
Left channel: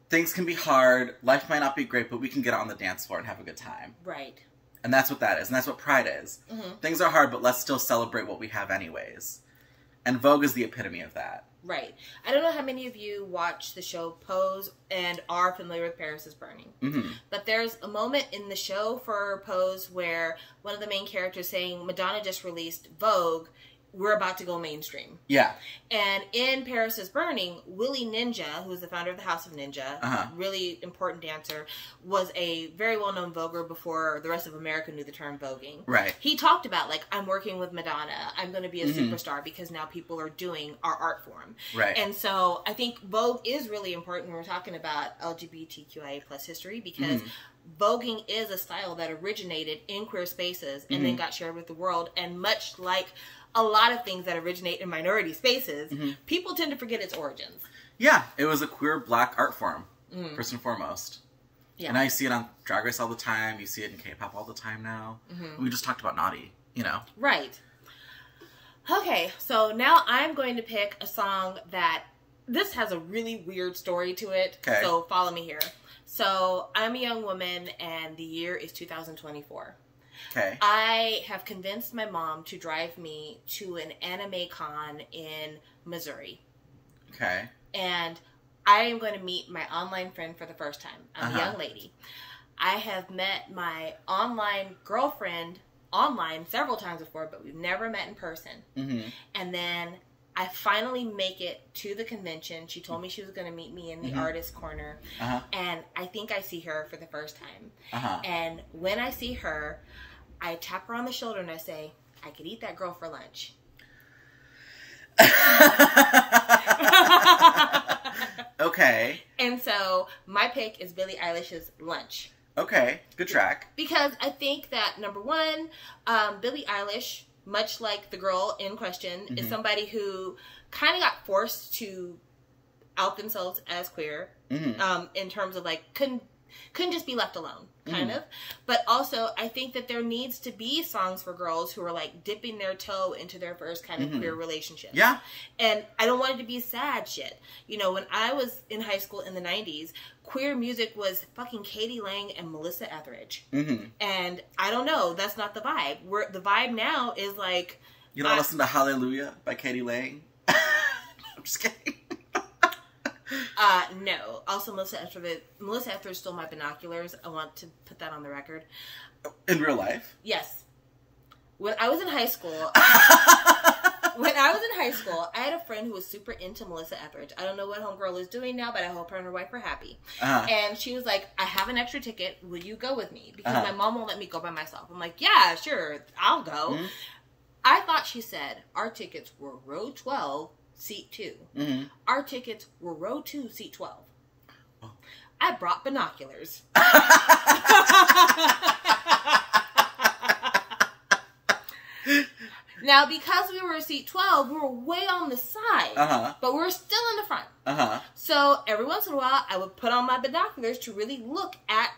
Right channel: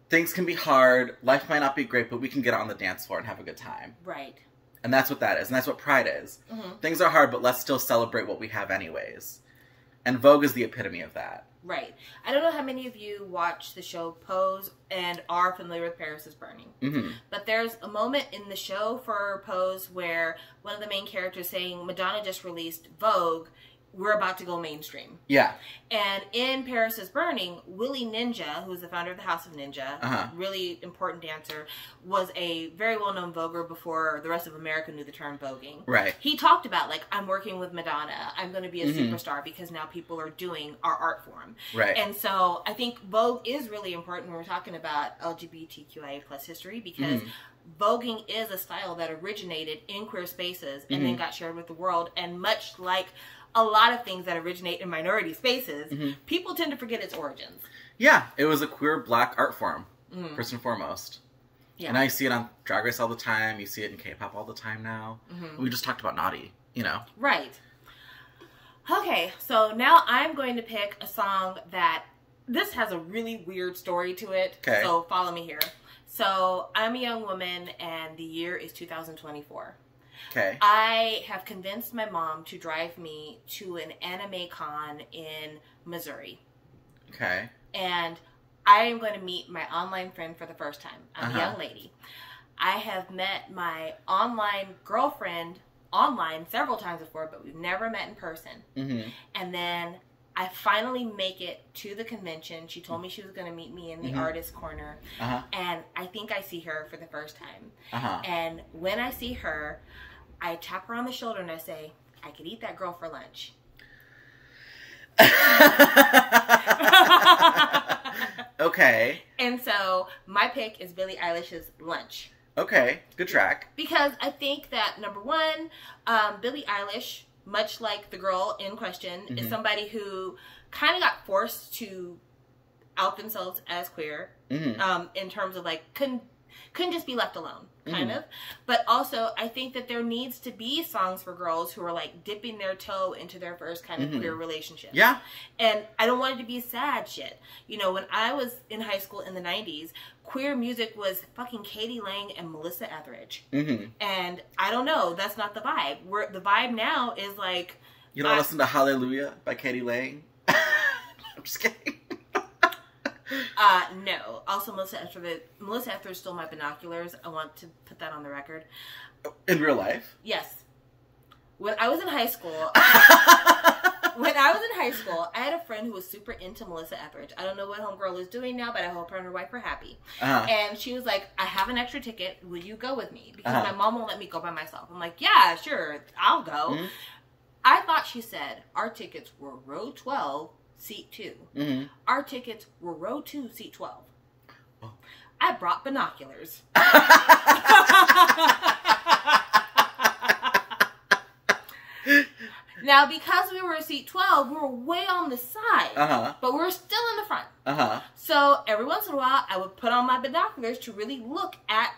things can be hard, life might not be great, but we can get on the dance floor and have a good time. Right. And that's what that is. And that's what Pride is. Things are hard, but let's still celebrate what we have anyways. And Vogue is the epitome of that. Right. I don't know how many of you watch the show Pose and are familiar with Paris is Burning. But there's a moment in the show for Pose where one of the main characters saying, Madonna just released Vogue, we're about to go mainstream. Yeah. And in Paris is Burning, Willie Ninja, who is the founder of the House of Ninja, really important dancer, was a very well-known voguer before the rest of America knew the term voguing. Right. He talked about, like, I'm working with Madonna. I'm going to be a superstar because now people are doing our art form. Right. And so I think Vogue is really important when we're talking about LGBTQIA plus history because voguing is a style that originated in queer spaces and then got shared with the world. And much like a lot of things that originate in minority spaces, people tend to forget its origins. Yeah. It was a queer black art form, first and foremost. Yeah. And now you see it on Drag Race all the time. You see it in K-pop all the time now. We just talked about Naughty, you know. Right. Okay, so now I'm going to pick a song that, this has a really weird story to it. Okay. So follow me here. So I'm a young woman and the year is 2024. Okay. I have convinced my mom to drive me to an anime con in Missouri. Okay. And I am going to meet my online friend for the first time. I'm a young lady. I have met my online girlfriend online several times before, but we've never met in person. And then I finally make it to the convention. She told me she was going to meet me in the artist corner. And I think I see her for the first time. And when I see her, I tap her on the shoulder and I say, I could eat that girl for lunch. Okay. And so my pick is Billie Eilish's Lunch. Okay. Good track. Because I think that, number one, Billie Eilish, much like the girl in question, is somebody who kind of got forced to out themselves as queer in terms of like couldn't just be left alone, kind of. But also, I think that there needs to be songs for girls who are like dipping their toe into their first kind of queer relationship. Yeah. And I don't want it to be sad shit. You know, when I was in high school in the 90s, queer music was fucking Katie Lang and Melissa Etheridge. And I don't know, that's not the vibe. The vibe now is like... You don't listen to Hallelujah by Katie Lang? I'm just kidding. No. Also, Melissa Etheridge stole my binoculars. I want to put that on the record. In real life? Yes. When I was in high school, I had a friend who was super into Melissa Etheridge. I don't know what homegirl is doing now, but I hope her and her wife are happy. And she was like, I have an extra ticket. Will you go with me? Because my mom won't let me go by myself. I'm like, yeah, sure. I'll go. I thought she said our tickets were row 12. Seat 2. Our tickets were row 2, seat 12. Oh. I brought binoculars. Now, because we were seat 12, we were way on the side, but we were still in the front. So every once in a while, I would put on my binoculars to really look at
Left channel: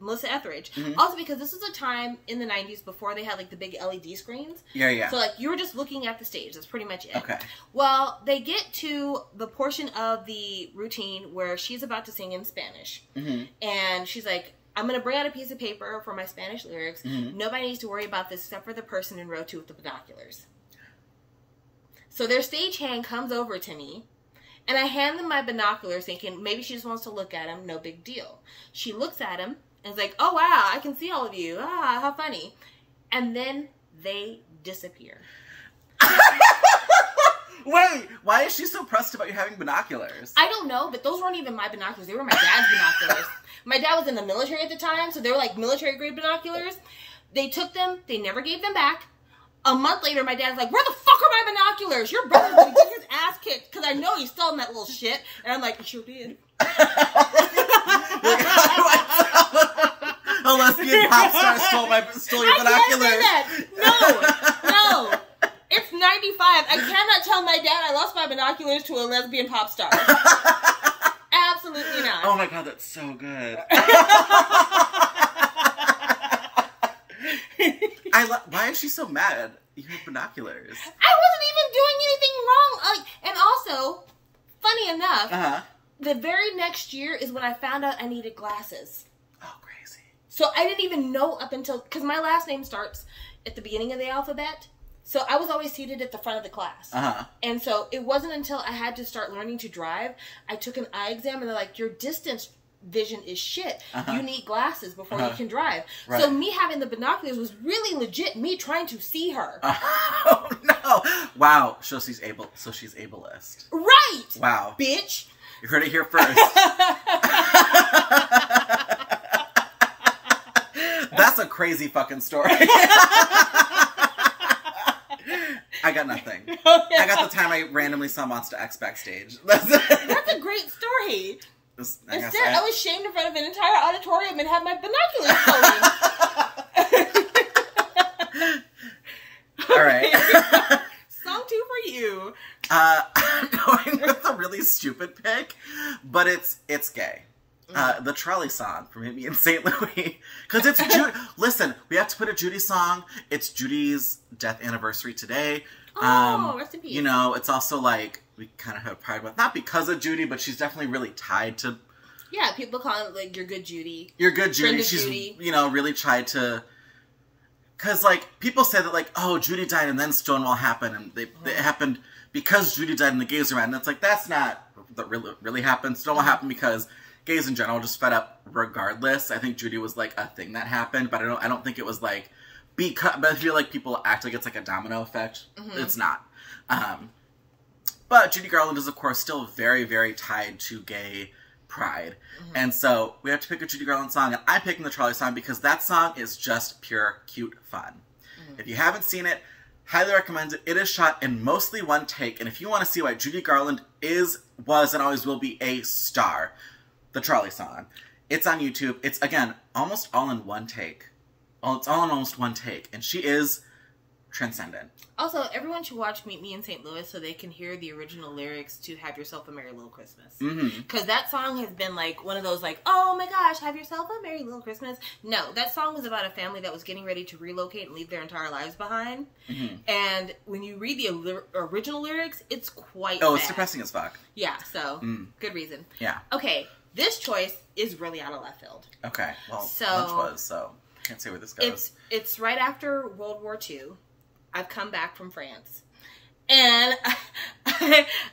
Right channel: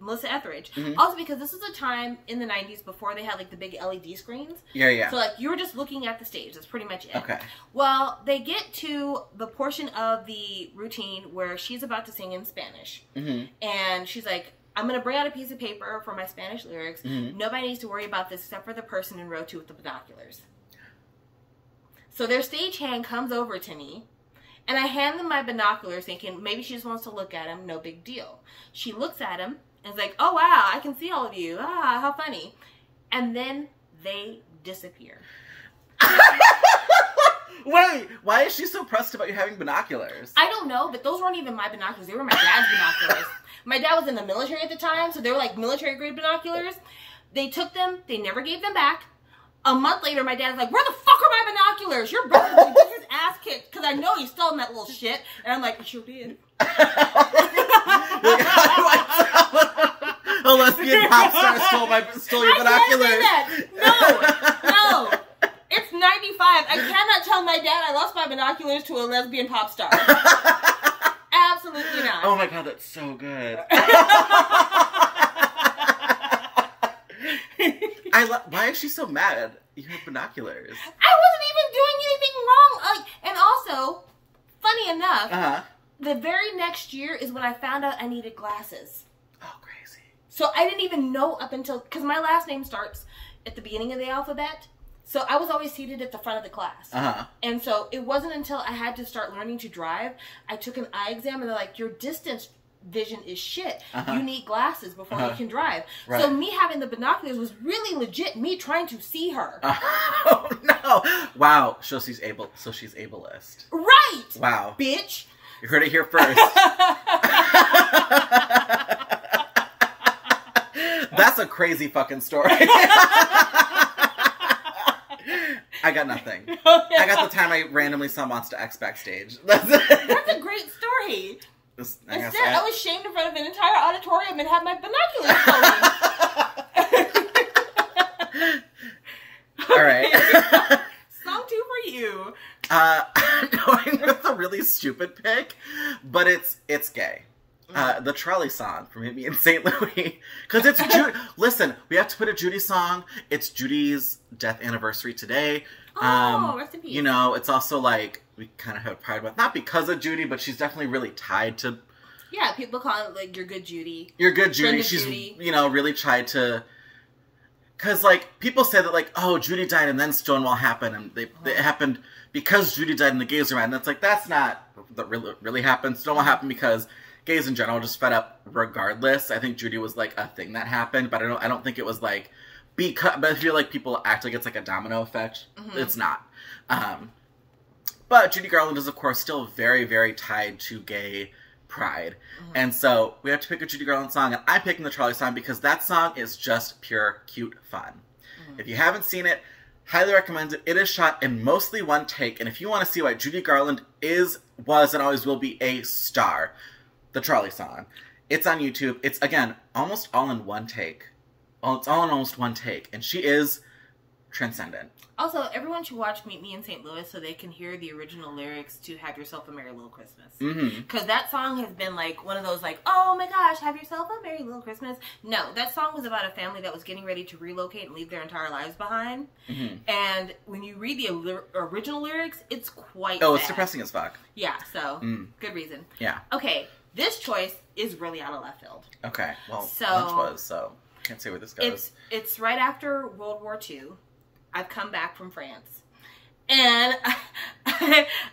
Melissa Etheridge. Also because this is a time in the 90s before they had like the big LED screens. Yeah. So like you were just looking at the stage. That's pretty much it. Okay. Well, they get to the portion of the routine where she's about to sing in Spanish. And she's like, I'm going to bring out a piece of paper for my Spanish lyrics. Nobody needs to worry about this except for the person in row 2 with the binoculars. So their stagehand comes over to me, and I hand them my binoculars thinking maybe she just wants to look at him, no big deal. She looks at him and is like, oh wow, I can see all of you. Ah, how funny. And then they disappear. Wait, why is she so pressed about you having binoculars? I don't know, but those weren't even my binoculars. They were my dad's binoculars. My dad was in the military at the time, so they were like military-grade binoculars. They took them. They never gave them back. A month later, my dad's like, where the fuck are my binoculars? Your brother gonna get his ass kicked because I know he's selling that little shit. And I'm like, I sure did. A lesbian pop star stole your binoculars. No. It's 95. I cannot tell my dad I lost my binoculars to a lesbian pop star. Absolutely not. Oh my god, that's so good. Why is she so mad? You have binoculars. I wasn't even doing anything wrong. weirdly enough, the very next year is when I found out I needed glasses. Oh, crazy. So I didn't even know up until, because my last name starts at the beginning of the alphabet. So I was always seated at the front of the class. And so it wasn't until I had to start learning to drive, I took an eye exam and they're like, your distance vision is shit. You need glasses before you can drive. Right. So me having the binoculars was really legit me trying to see her. Oh no. Wow. So she's ableist. Right. Wow. Bitch. You heard it here first. That's a crazy fucking story. I got nothing. I got the time I randomly saw Monster X backstage. That's a great story. Instead, I was shamed in front of an entire auditorium and had my binoculars going. All right. Song 2 for you. I'm going with a really stupid pick, but it's gay. The Trolley song from Me and St. Louis. Because it's Judy. Listen, we have to put a Judy song. It's Judy's death anniversary today. Rest in peace. You know, it's also like, we kind of have pride with, not because of Judy, but she's definitely really tied to... Yeah, people call it, like, your good Judy. Your good Judy. She's, Judy. You know, really tried to... Because, like, people say that, like, oh, Judy died and then Stonewall happened, and it happened because Judy died and the gays were mad. And it's like, that's not what really happened. Stonewall happened because gays in general just fed up regardless. I think Judy was, like, a thing that happened, but I don't think it was, like, because... But I feel like people act like it's, like, a domino effect. It's not. But Judy Garland is, of course, still very, very tied to gay pride. And so we have to pick a Judy Garland song, and I'm picking the Trolley song because that song is just pure cute fun. If you haven't seen it, highly recommend it. It is shot in mostly one take, and if you want to see why Judy Garland was, and always will be a star, the Trolley song. It's on YouTube. It's, again, almost all in one take. It's all in almost one take, and she is transcendent. Also, everyone should watch Meet Me in St. Louis so they can hear the original lyrics to Have Yourself a Merry Little Christmas. Because that song has been like one of those like, oh my gosh, have yourself a merry little Christmas. No, that song was about a family that was getting ready to relocate and leave their entire lives behind. And when you read the original lyrics, it's quite bad. It's depressing as fuck. Yeah, so good reason. Yeah. Okay, this choice is really out of left field. Okay, well, lunch was, so I can't say where this goes. It's right after World War II. I've come back from France, and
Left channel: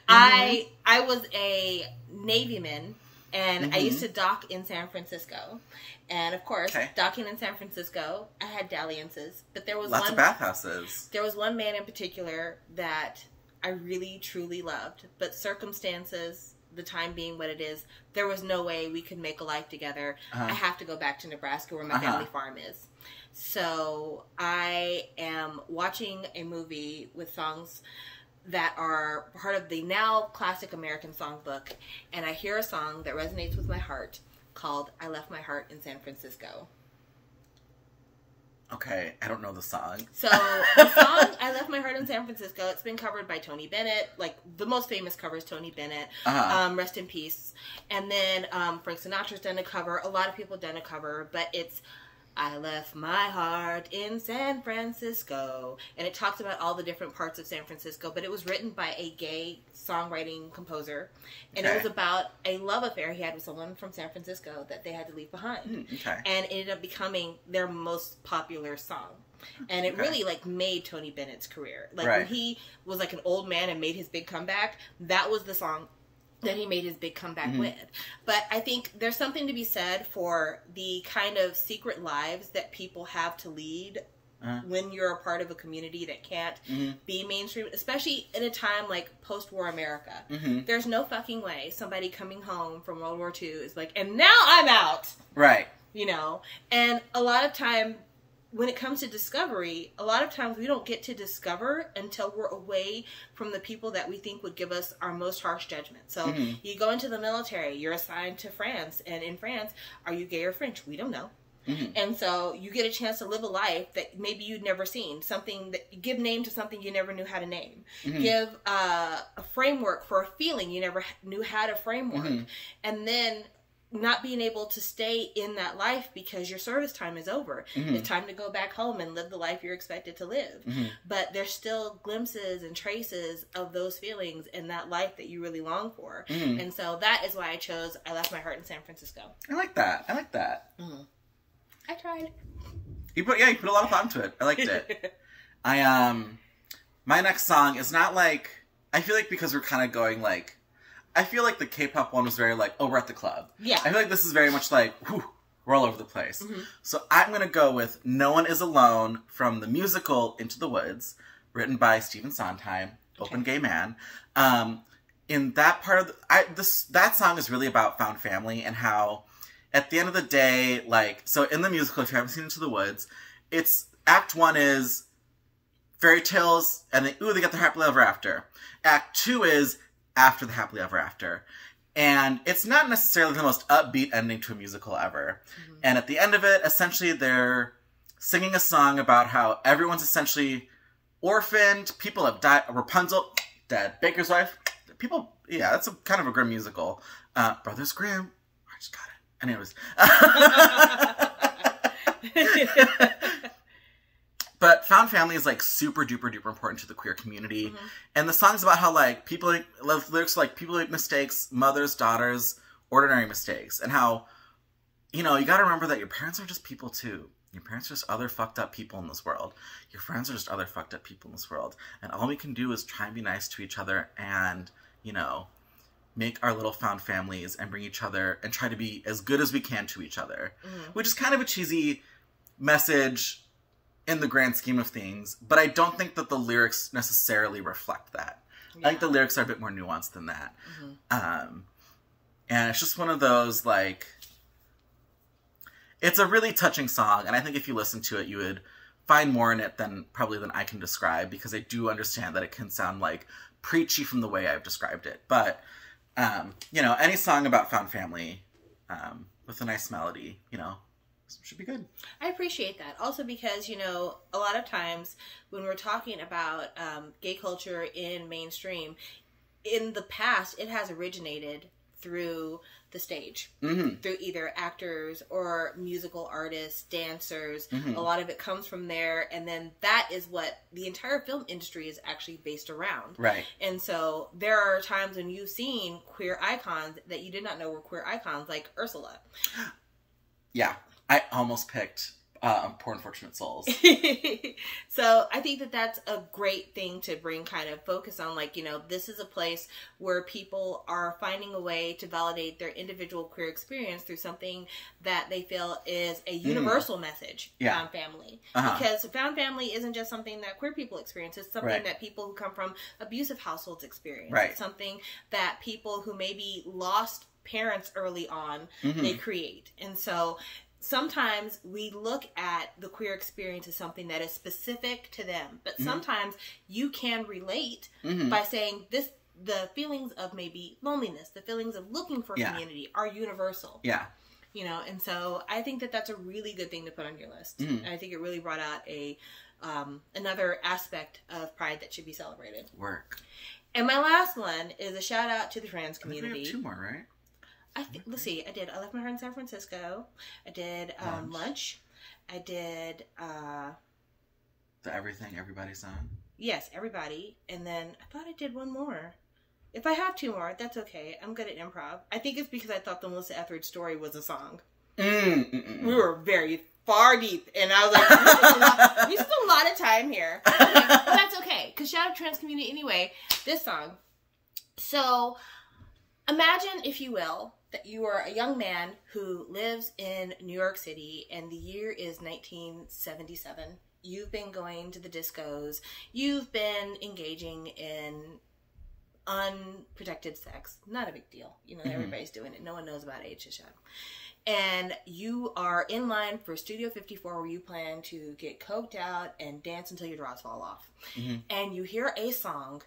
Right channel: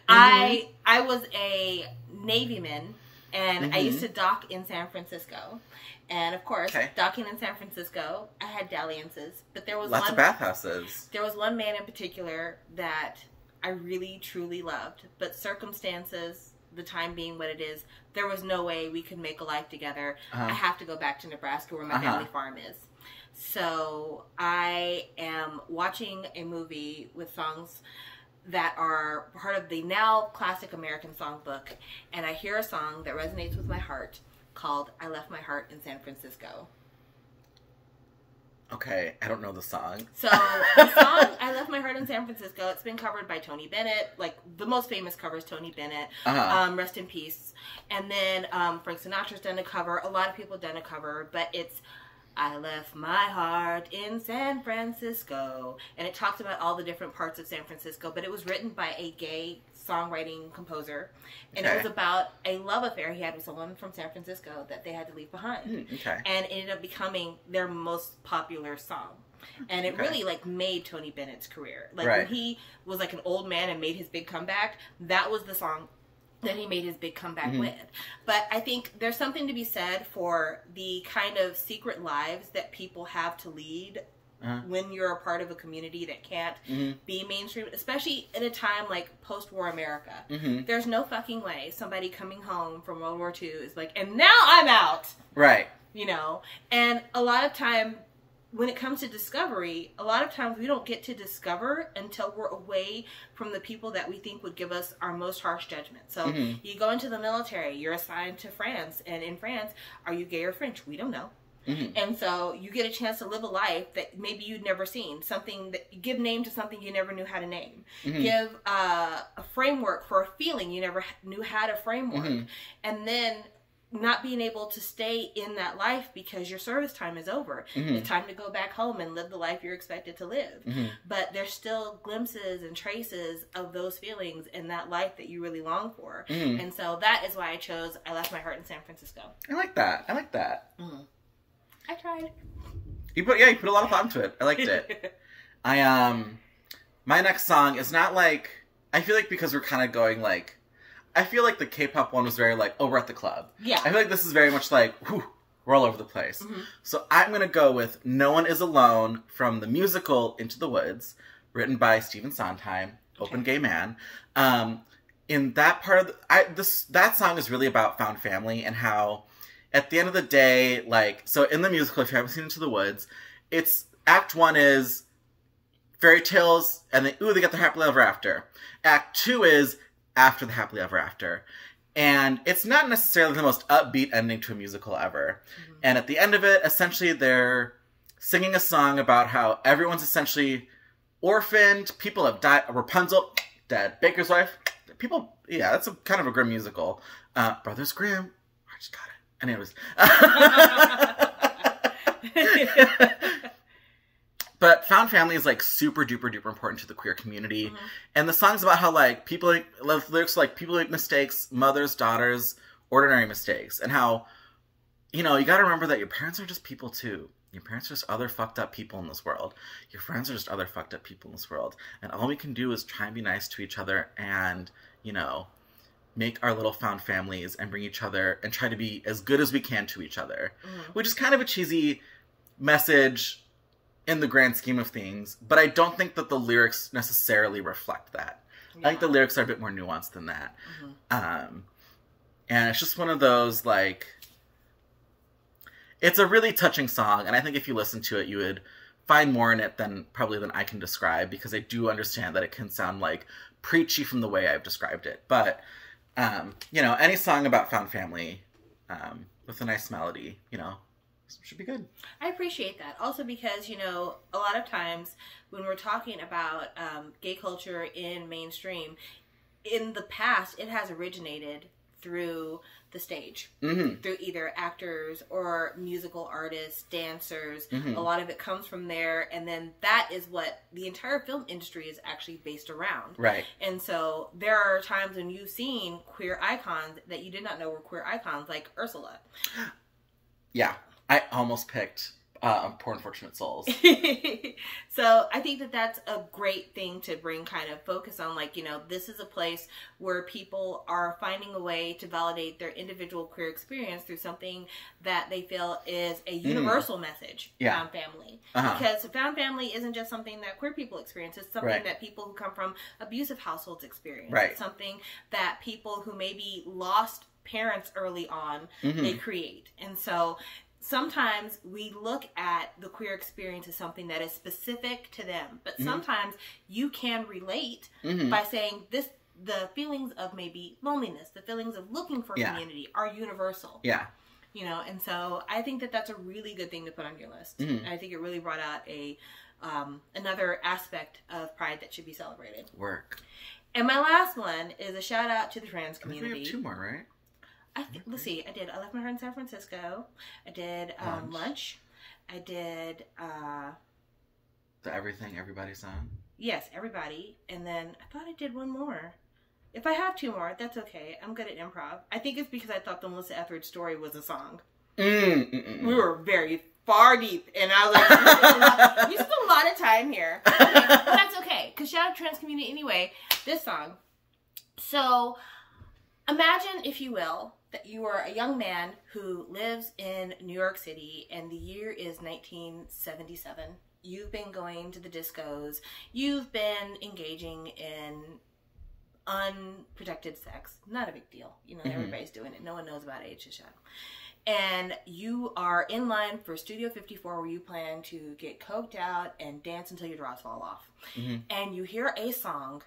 I was a Navyman, and I used to dock in San Francisco, and of course, docking in San Francisco, I had dalliances, but there was lots of bathhouses. There was one man in particular that I really truly loved, but circumstances, the time being what it is, there was no way we could make a life together. I have to go back to Nebraska where my family farm is. So I am watching a movie with songs that are part of the now classic American songbook, and I hear a song that resonates with my heart called I Left My Heart in San Francisco. Okay, I don't know the song. So the song I Left My Heart in San Francisco, it's been covered by Tony Bennett. Like, the most famous cover is Tony Bennett. Rest in peace. And then Frank Sinatra's done a cover. A lot of people have done a cover, but it's I left my heart in San Francisco. And it talks about all the different parts of San Francisco, but it was written by a gay songwriting composer. And it was about a love affair he had with someone from San Francisco that they had to leave behind. And it ended up becoming their most popular song. And it really, like, made Tony Bennett's career. Like, when he was, like, an old man and made his big comeback, that was the song that he made his big comeback with. But I think there's something to be said for the kind of secret lives that people have to lead when you're a part of a community that can't be mainstream, especially in a time like post-war America. There's no fucking way somebody coming home from World War II is like, and now I'm out! Right. You know? And a lot of time, when it comes to discovery, a lot of times we don't get to discover until we're away from the people that we think would give us our most harsh judgment. So you go into the military, you're assigned to France, and in France, are you gay or French? We don't know. And so you get a chance to live a life that maybe you'd never seen. Something that you give name to something you never knew how to name. Give a framework for a feeling you never knew how to framework. And then not being able to stay in that life because your service time is over. It's time to go back home and live the life you're expected to live. But there's still glimpses and traces of those feelings in that life that you really long for. And so that is why I chose I Left My Heart in San Francisco. I like that. I like that. I tried. You put a lot of thought into it. I liked it. My next song is not like, I feel like because we're kind of going like, I feel like the K-pop one was very like, oh, we're at the club. Yeah. I feel like this is very much like, whew, we're all over the place. So I'm going to go with No One Is Alone from the musical Into the Woods, written by Stephen Sondheim, open gay man. In that part of that song is really about found family and how at the end of the day, like, so in the musical, if you haven't seen Into the Woods, it's Act 1 is fairy tales and they get their happily ever after. Act 2 is after the happily ever after. And it's not necessarily the most upbeat ending to a musical ever. And at the end of it, essentially they're singing a song about how everyone's essentially orphaned, people have died, Rapunzel, dead, Baker's wife, people, yeah, that's kind of a grim musical. Brothers Grimm, I just got it. Anyways. But found family is like super duper duper important to the queer community. And the song's about how like people lyrics like people make mistakes, mothers, daughters, ordinary mistakes. And how, you know, you gotta remember that your parents are just people too. Your parents are just other fucked up people in this world. Your friends are just other fucked up people in this world. And all we can do is try and be nice to each other and, you know, make our little found families and bring each other and try to be as good as we can to each other. Which is kind of a cheesy message in the grand scheme of things, but I don't think that the lyrics necessarily reflect that. I think the lyrics are a bit more nuanced than that. And it's just one of those, like, it's a really touching song, and I think if you listen to it, you would find more in it than I can describe, because I do understand that it can sound, like, preachy from the way I've described it. But, you know, any song about found family with a nice melody, you know, should be good. I appreciate that. Also because, you know, a lot of times when we're talking about gay culture in mainstream, in the past, it has originated through the stage. Through either actors or musical artists, dancers. A lot of it comes from there. And then that is what the entire film industry is actually based around. Right. And so there are times when you've seen queer icons that you did not know were queer icons, like Ursula. Yeah. I almost picked Poor Unfortunate Souls. So I think that that's a great thing to bring kind of focus on. Like, you know, this is a place where people are finding a way to validate their individual queer experience through something that they feel is a universal message. Found family. Because found family isn't just something that queer people experience. It's something that people who come from abusive households experience. It's something that people who maybe lost parents early on, they create. And so sometimes we look at the queer experience as something that is specific to them, but sometimes you can relate by saying the feelings of maybe loneliness, the feelings of looking for community are universal. You know, and so I think that that's a really good thing to put on your list. And I think it really brought out another aspect of Pride that should be celebrated. And my last one is a shout out to the trans community. We have 2 more, right? Let's see. I did I Left My Heart in San Francisco. I did Lunch. I did the Everything Everybody song. Yes, Everybody. And then I thought I did one more. If I have 2 more, that's okay. I'm good at improv. I think it's because I thought the Melissa Etheridge story was a song. We were very far deep, and I was like, "We spent a lot of time here." But that's okay, because shout out to trans community anyway. This song. So imagine, if you will, that you are a young man who lives in New York City and the year is 1977. You've been going to the discos. You've been engaging in unprotected sex. Not a big deal. You know, everybody's doing it. No one knows about HHM. And you are in line for Studio 54 where you plan to get coked out and dance until your drawers fall off. And you hear a song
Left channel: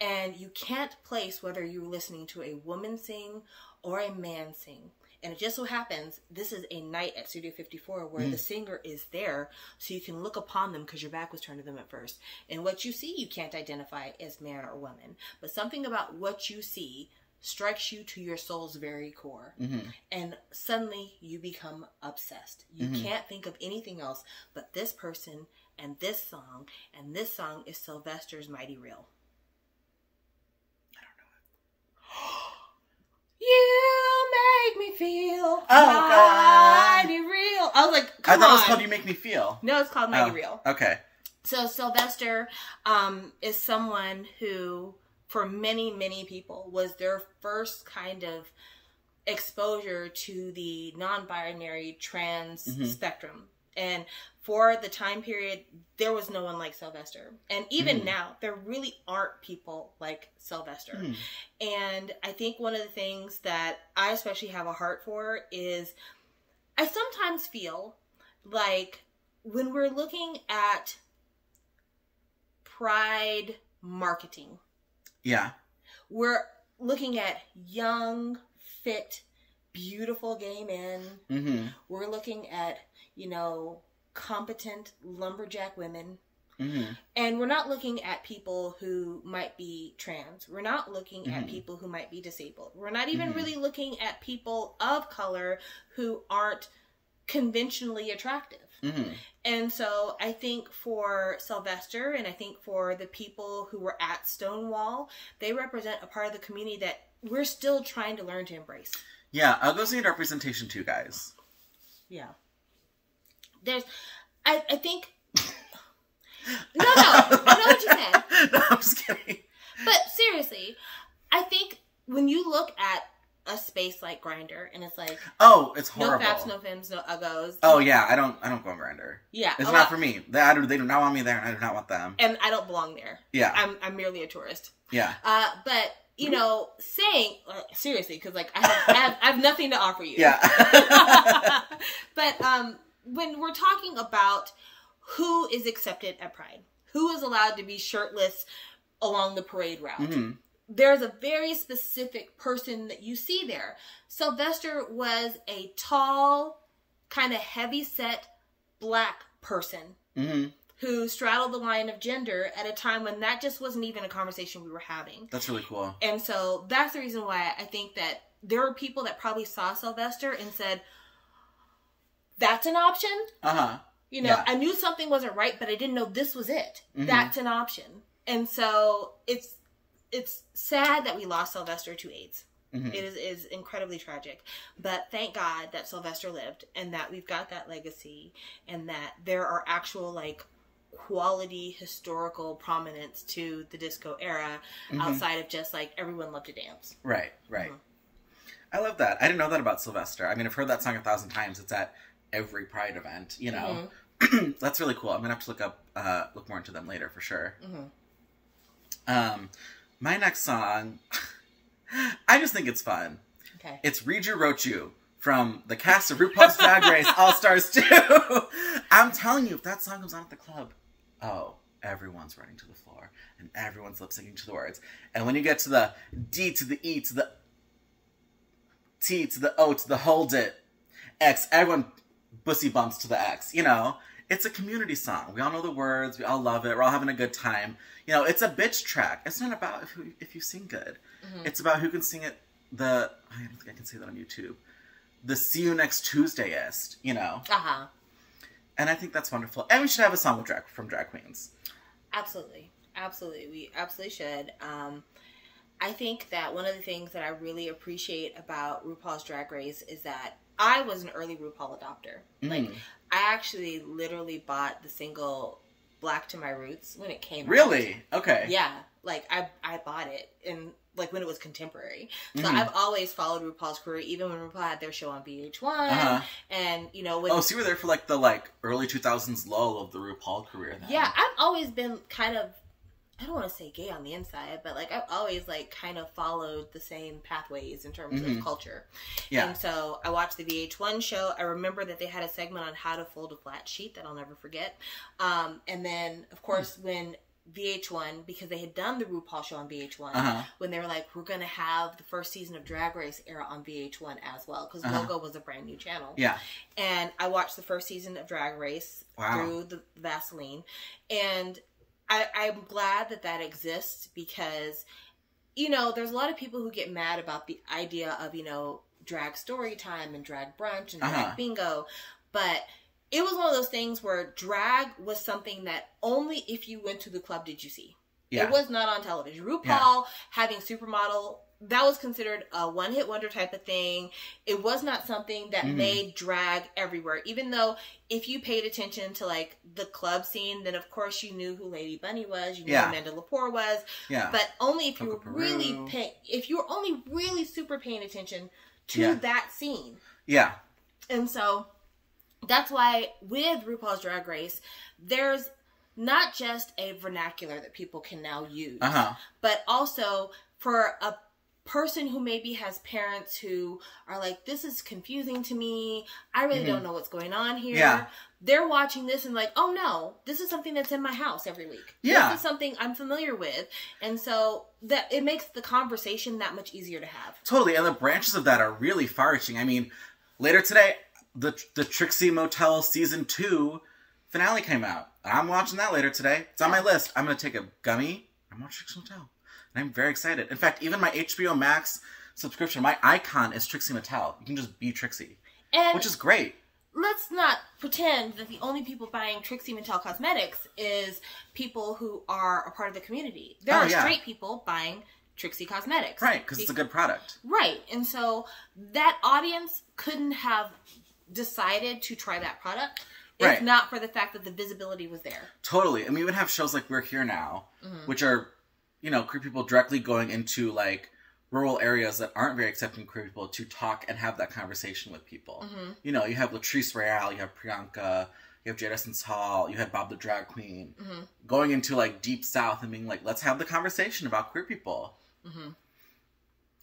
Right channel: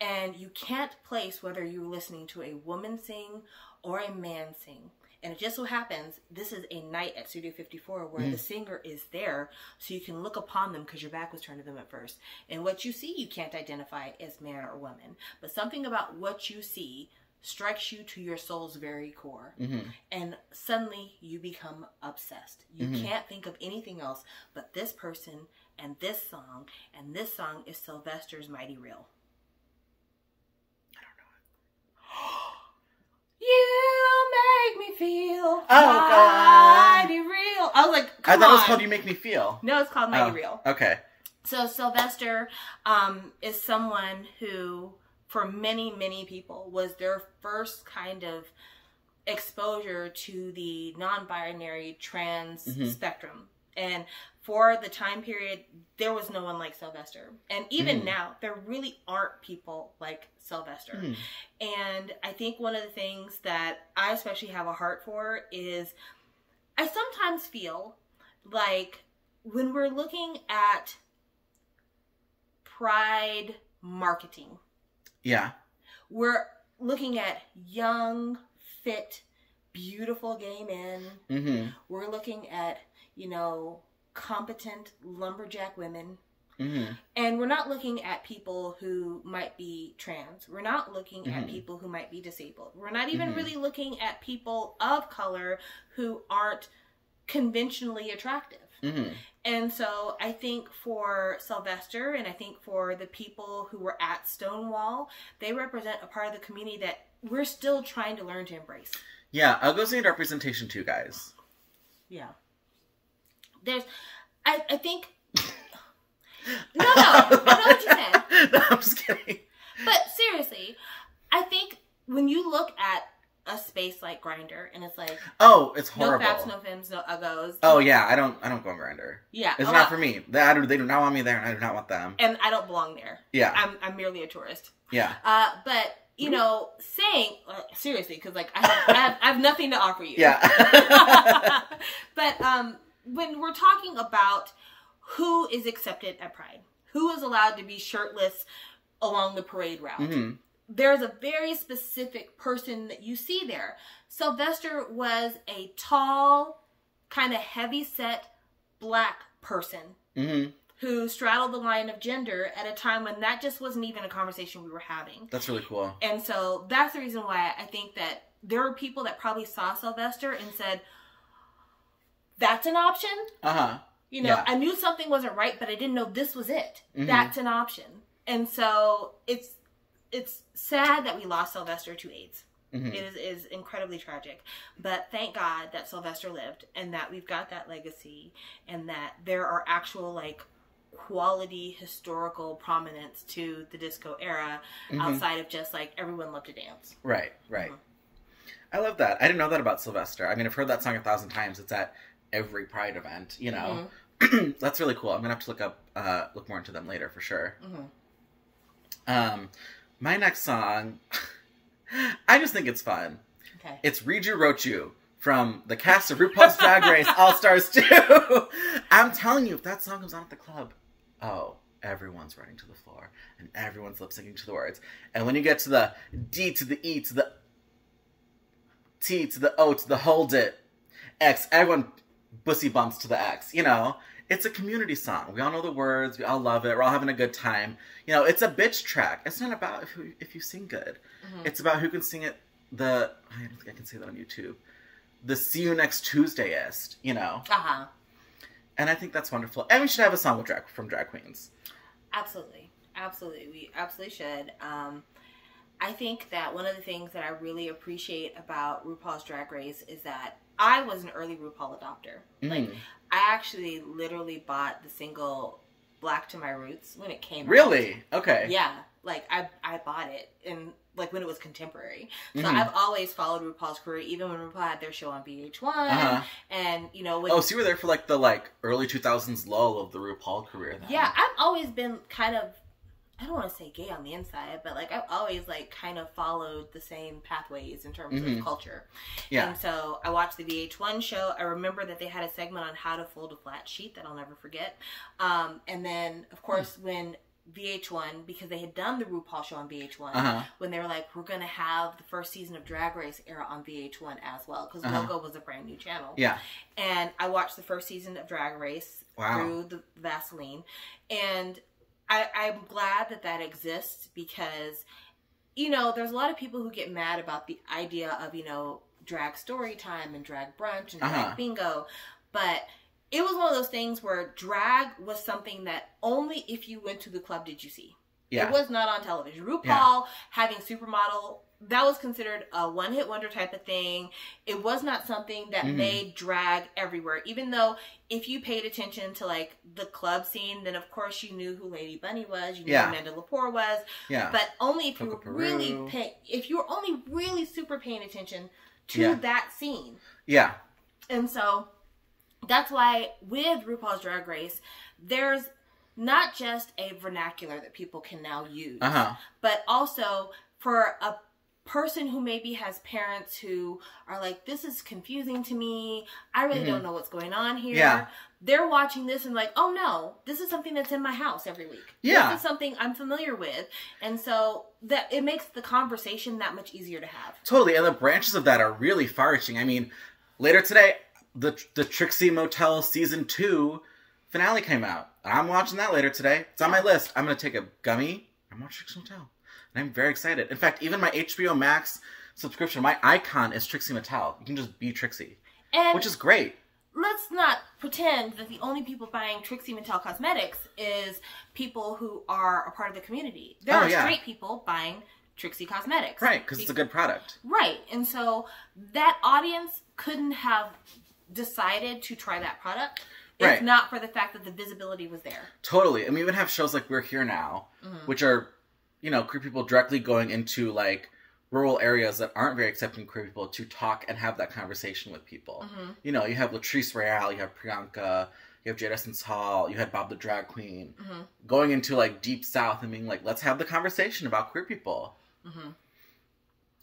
and you can't place whether you're listening to a woman sing or a man sing. And it just so happens, this is a night at Studio 54 where the singer is there, so you can look upon them because your back was turned to them at first. And what you see, you can't identify as man or woman. But something about what you see strikes you to your soul's very core. Mm-hmm. And suddenly you become obsessed. You Mm-hmm. can't think of anything else but this person and this song. And this song is Sylvester's Mighty Real. I don't know it. You make me feel God. mighty real. I was like, I thought on. it was called You Make Me Feel. No, it's called Mighty Real. Okay. So Sylvester is someone who, for many, many people, was their first kind of exposure to the non-binary trans spectrum. And for the time period, there was no one like Sylvester. And even now, there really aren't people like Sylvester. And I think one of the things that I especially have a heart for is I sometimes feel like when we're looking at Pride marketing, we're looking at young, fit, beautiful gay men. We're looking at, you know, competent lumberjack women. And we're not looking at people who might be trans. We're not looking at people who might be disabled. We're not even really looking at people of color who aren't conventionally attractive. And so I think for Sylvester, and I think for the people who were at Stonewall, they represent a part of the community that we're still trying to learn to embrace. Yeah, Uggos need representation too, guys. Yeah. I think... No, I know what you said. No, I'm just kidding. But seriously, I think when you look at a space like Grindr, and it's like, oh, it's horrible. No faps, no femmes, no uggos. Oh yeah, I don't go on Grindr. Yeah, it's not for me. They do not want me there, and I do not want them. And I don't belong there. Yeah, I'm merely a tourist. Yeah. But you know, saying seriously, because like I have nothing to offer you. Yeah. But when we're talking about who is accepted at Pride, who is allowed to be shirtless along the parade route, there's a very specific person that you see there. Sylvester was a tall, kind of heavy-set black person who straddled the line of gender at a time when that just wasn't even a conversation we were having. That's really cool. And so that's the reason why I think that there are people that probably saw Sylvester and said, that's an option? You know, I knew something wasn't right, but I didn't know this was it. That's an option. And so it's sad that we lost Sylvester to AIDS. It is incredibly tragic. But thank God that Sylvester lived and that we've got that legacy and that there are actual, like, quality historical prominence to the disco era outside of just, like, everyone loved to dance. Right. I love that. I didn't know that about Sylvester. I mean, I've heard that song 1,000 times. It's at every Pride event, you know. That's really cool. I'm gonna have to look more into them later for sure. My next song, I just think it's fun. Okay. It's Read You Wrote You from the cast of RuPaul's Drag Race All-Stars 2. I'm telling you, if that song comes on at the club, oh, everyone's running to the floor and everyone's lip syncing to the words. And when you get to the D to the E to the T to the O to the hold it X, everyone bussy bumps to the X, you know. It's a community song. We all know the words. We all love it. We're all having a good time. You know, it's a bitch track. It's not about if you sing good. It's about who can sing it I don't think I can say that on YouTube. The See You Next Tuesday-ist, you know. And I think that's wonderful. And we should have a song from drag queens. Absolutely. We absolutely should. I think that one of the things that I really appreciate about RuPaul's Drag Race is that I was an early RuPaul adopter. Like, I actually literally bought the single Black to My Roots when it came out. Really? Okay. Yeah. Like, I bought it in, like, when it was contemporary. So I've always followed RuPaul's career, even when RuPaul had their show on VH1. And, you know... Oh, so you were there for, like, the, early 2000s lull of the RuPaul career then. Yeah, I've always been kind of... I don't want to say gay on the inside, but, like, I've always, like, kind of followed the same pathways in terms of culture. Yeah. And so I watched the VH1 show. I remember that they had a segment on how to fold a flat sheet that I'll never forget. And then, of course, when VH1, because they had done the RuPaul show on VH1, when they were like, we're going to have the first season of Drag Race air on VH1 as well, because Logo was a brand new channel. Yeah. And I watched the first season of Drag Race through the Vaseline. And... I'm glad that exists because you know, there's a lot of people who get mad about the idea of, you know, drag story time and drag brunch and drag bingo. But it was one of those things where drag was something that only if you went to the club did you see. Yeah. It was not on television. RuPaul having Supermodel, that was considered a one-hit wonder type of thing. It was not something that made drag everywhere. Even though if you paid attention to, like, the club scene, then of course you knew who Lady Bunny was. You knew who Amanda Lepore was. Yeah. But only if you were only really super paying attention to that scene. Yeah. And so that's why with RuPaul's Drag Race, there's not just a vernacular that people can now use, but also for a person who maybe has parents who are like, this is confusing to me. I really don't know what's going on here. Yeah. They're watching this and like, oh no, this is something that's in my house every week. Yeah. This is something I'm familiar with. And so that it makes the conversation that much easier to have. Totally. And the branches of that are really far-reaching. I mean, later today, the Trixie Motel Season 2 finale came out. I'm watching that later today. It's on my list. I'm going to take a gummy. I'm watching Trixie Motel. And I'm very excited. In fact, even my HBO Max subscription, my icon is Trixie Motel. You can just be Trixie. And which is great. Let's not pretend that the only people buying Trixie Motel cosmetics is people who are a part of the community. There are straight people buying Trixie cosmetics. Right, because it's a good product. Right. And so that audience couldn't have decided to try that product if not for the fact that the visibility was there. Totally. And we even have shows like We're Here Now, which are, you know, queer people directly going into, like, rural areas that aren't very accepting queer people to talk and have that conversation with people. You know, you have Latrice Royale, you have Priyanka, you have Jada Essence Hall, you had Bob the Drag Queen, going into, like, Deep South and being like, let's have the conversation about queer people.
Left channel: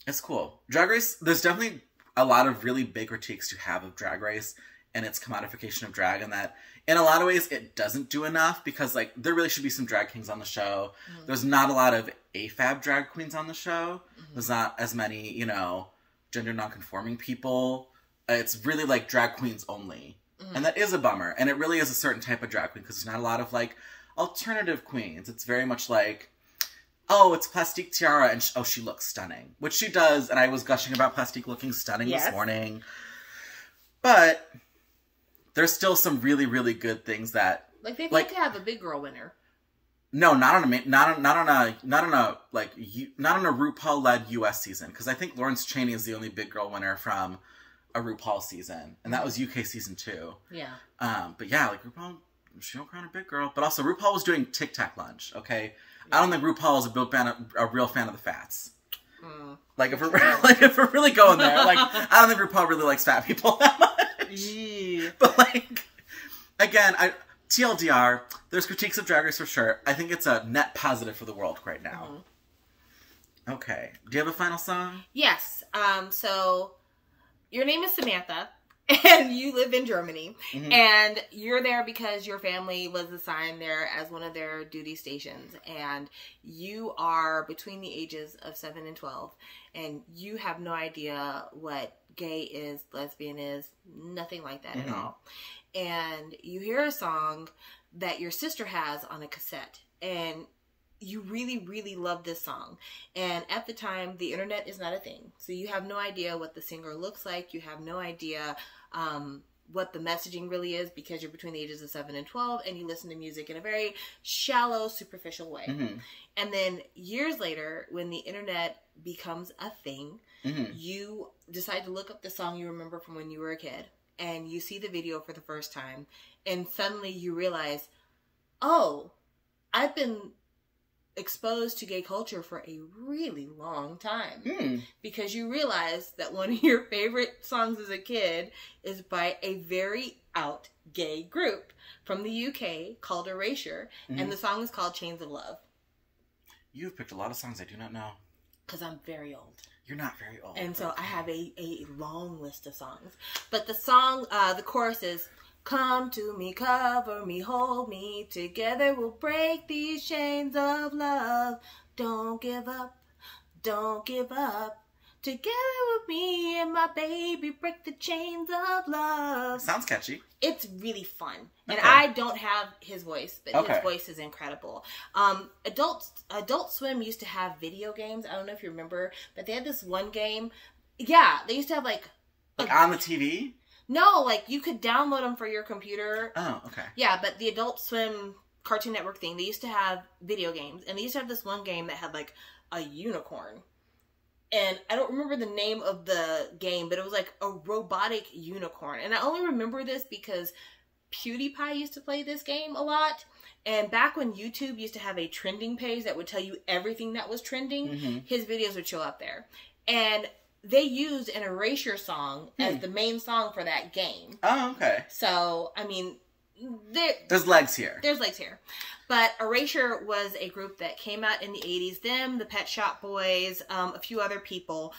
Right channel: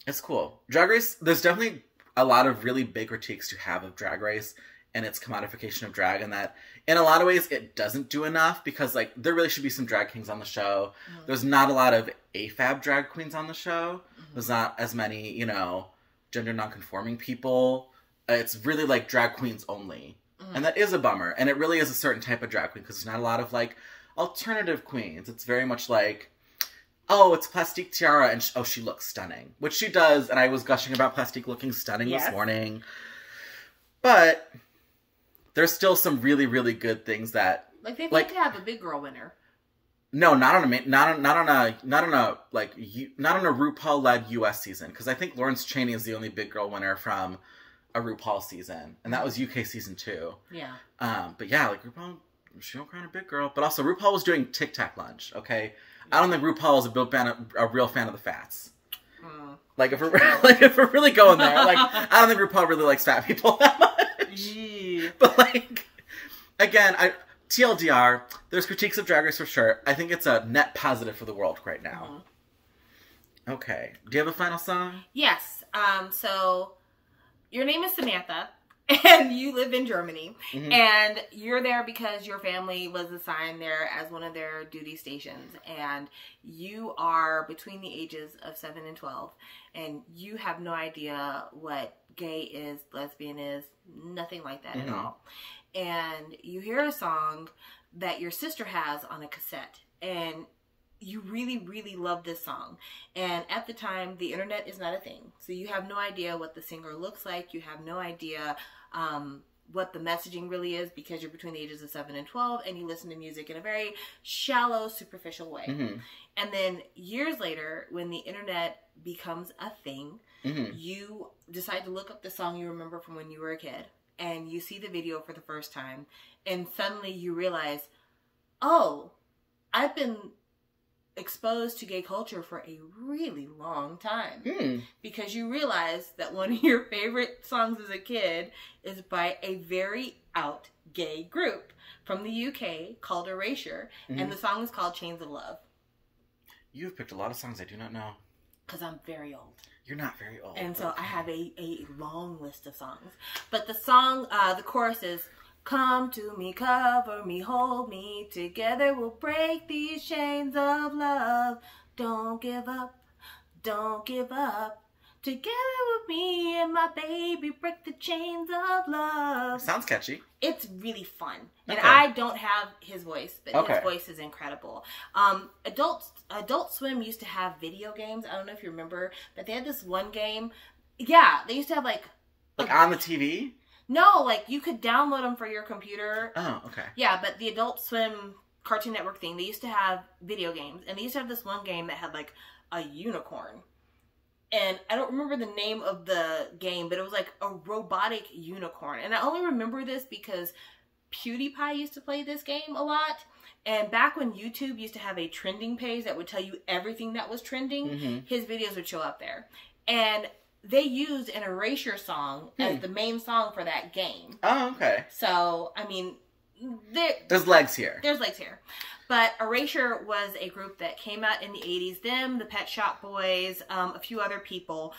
It's cool. Drag Race, there's definitely a lot of really big critiques to have of Drag Race and its commodification of drag, and that in a lot of ways it doesn't do enough because, like, there really should be some drag kings on the show. There's not a lot of AFAB drag queens on the show. There's not as many, you know, gender nonconforming people. It's really, like, drag queens only. And that is a bummer. And it really is a certain type of drag queen because there's not a lot of, like, alternative queens. It's very much like, oh, it's Plastique Tiara, and oh, she looks stunning. Which she does, and I was gushing about Plastique looking stunning this morning. But there's still some really, really good things that, like, they'd like to have a big girl winner. No, not on a RuPaul-led U.S. season, because I think Lawrence Chaney is the only big girl winner from a RuPaul season, and that was UK season 2. Yeah. But yeah, like, RuPaul, she don't crown a big girl, but also RuPaul was doing Tic Tac lunch. Okay, I don't think RuPaul is a real fan of the fats. Like, if we're really going there, like, I don't think RuPaul really likes fat people that much. But, like, again, TLDR, there's critiques of Drag Race for sure. I think it's a net positive for the world right now. Okay. Do you have a final song? Yes. So, your name is Samantha, and you live in Germany. And you're there because your family was assigned there as one of their duty stations. And you are between the ages of 7 and 12. And you have no idea what gay is, lesbian is, nothing like that at all. And you hear a song that your sister has on a cassette, and you really, really love this song. And at the time, the internet is not a thing. So you have no idea what the singer looks like. You have no idea what the messaging really is because you're between the ages of 7 and 12, and you listen to music in a very shallow, superficial way. And then years later, when the internet becomes a thing, you decide to look up the song you remember from when you were a kid, and you see the video for the first time, and suddenly you realize, oh, I've been exposed to gay culture for a really long time. Because you realize that one of your favorite songs as a kid is by a very out gay group from the UK called Erasure, and the song is called Chains of Love. You've picked a lot of songs I do not know. Because I'm very old. You're not very old. And so I have a long list of songs. But the song, the chorus is, come to me, cover me, hold me, together we'll break these chains of love. Don't give up, don't give up, Together with me and my baby, break the chains of love. Sounds catchy. It's really fun. And Okay. I don't have his voice, but Okay. his voice is incredible. Adult Swim used to have video games. I don't know if you remember, but they had this one game. Yeah, they used to have like on the TV? No, like you could download them for your computer. Oh, okay. Yeah, but the Adult Swim Cartoon Network thing, they used to have video games. And they used to have this one game that had like a unicorn. And I don't remember the name of the game, but it was like a robotic unicorn. And I only remember this because PewDiePie used to play this game a lot. And back when YouTube used to have a trending page that would tell you everything that was trending, his videos would show up there. And they used an Erasure song as the main song for that game. Oh, okay. So, I mean, there's legs here. There's legs here. But Erasure was a group that came out in the 80s. Them, the Pet Shop Boys, a few other people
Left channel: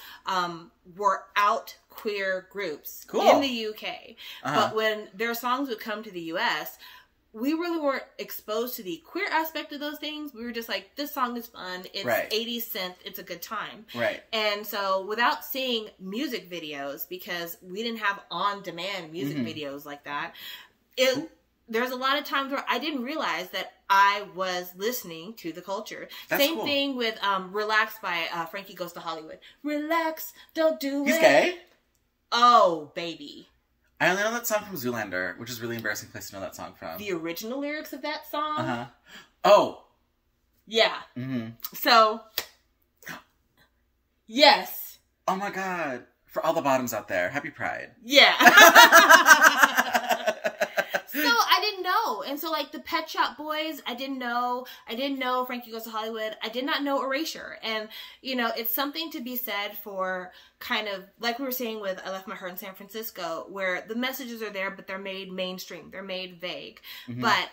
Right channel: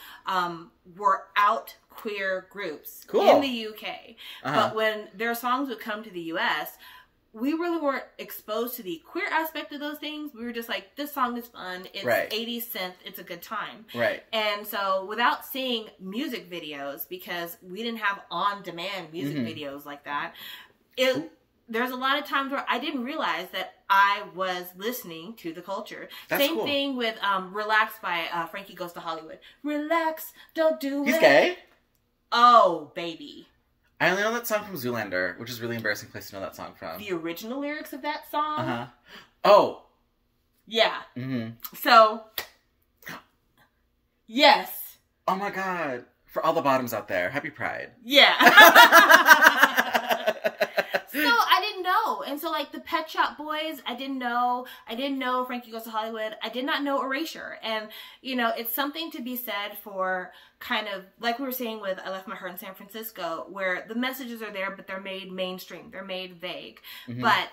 were out queer groups in the UK. But when their songs would come to the US, we really weren't exposed to the queer aspect of those things. We were just like, this song is fun. It's 80s synth. It's a good time. Right. And so without seeing music videos, because we didn't have on-demand music videos like that, there's a lot of times where I didn't realize that I was listening to the culture. That's Same cool. thing with Relax by Frankie Goes to Hollywood. Relax, don't do it. He's gay? Oh, baby. I only know that song from Zoolander, which is a really embarrassing place to know that song from. The original lyrics of that song? Oh. Yeah. So, yes. Oh my god. For all the bottoms out there, happy Pride. Yeah. So I didn't know. And so like the Pet Shop Boys, I didn't know Frankie Goes to Hollywood. I did not know Erasure. And, you know, it's something to be said for kind of, like we were saying with I Left My Heart in San Francisco, where the messages are there, but they're made mainstream. They're made vague. But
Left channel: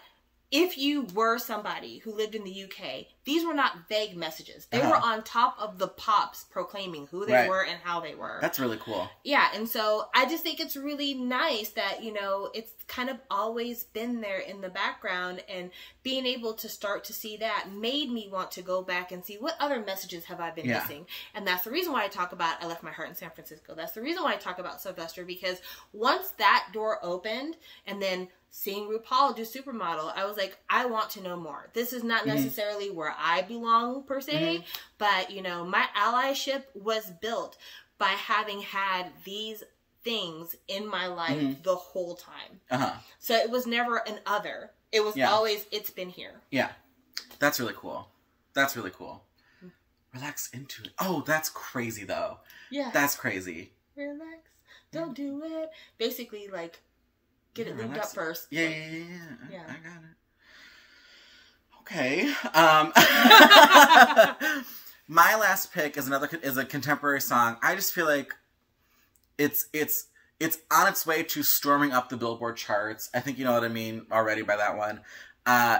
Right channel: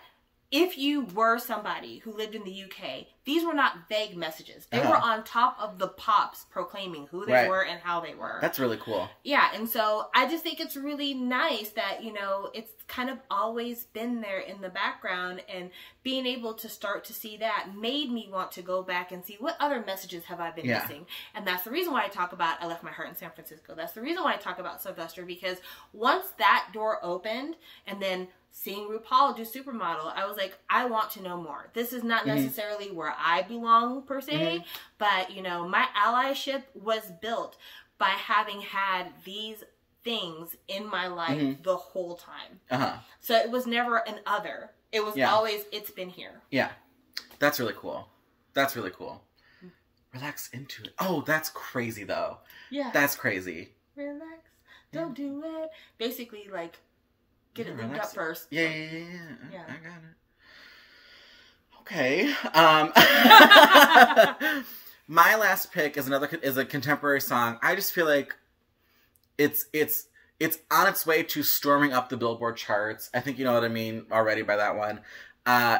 if you were somebody who lived in the UK, these were not vague messages. They were on top of the pops proclaiming who they were and how they were. That's really cool. Yeah, and so I just think it's really nice that, you know, it's kind of always been there in the background, and being able to start to see that made me want to go back and see what other messages have I been missing. And that's the reason why I talk about I Left My Heart in San Francisco. That's the reason why I talk about Sylvester, because once that door opened, and then seeing RuPaul do Supermodel, I was like, I want to know more. This is not necessarily where I belong, per se, but, you know, my allyship was built by having had these things in my life the whole time. So it was never an other. It was always, it's been here. Yeah. That's really cool. That's really cool. Relax into it. Oh, that's crazy, though. Yeah. That's crazy. Relax. Don't do it. Basically, like, get it linked up first. Yeah. I got it. Okay. My last pick is a contemporary song. I just feel like it's on its way to storming up the Billboard charts. I think you know what I mean already by that one.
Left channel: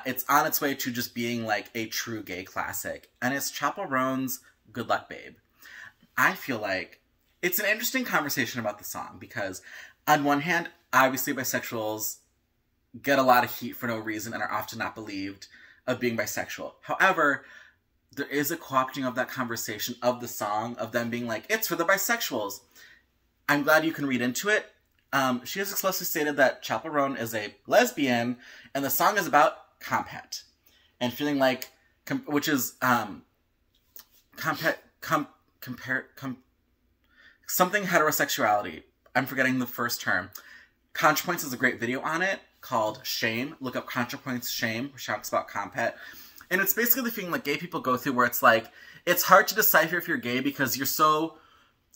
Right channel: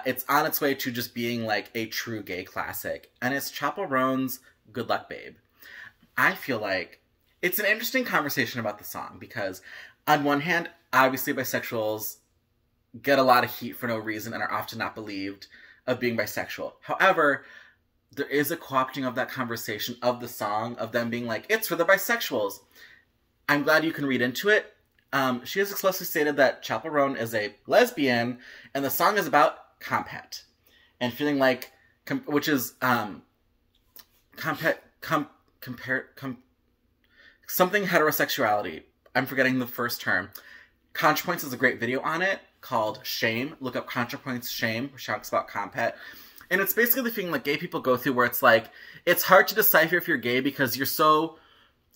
It's on its way to just being like a true gay classic, and it's Chappell Roan's "Good Luck Babe." I feel like it's an interesting conversation about the song because, on one hand, obviously bisexuals get a lot of heat for no reason and are often not believed of being bisexual. However, there is a co-opting of that conversation of the song, of them being like, it's for the bisexuals. I'm glad you can read into it. She has explicitly stated that Chappell Roan is a lesbian, and the song is about compet. And feeling like, which is, something heterosexuality. I'm forgetting the first term. ContraPoints has a great video on it called Shame. Look up ContraPoints Shame, which talks about compet. And it's basically the thing like gay people go through where it's like, it's hard to decipher if you're gay because you're so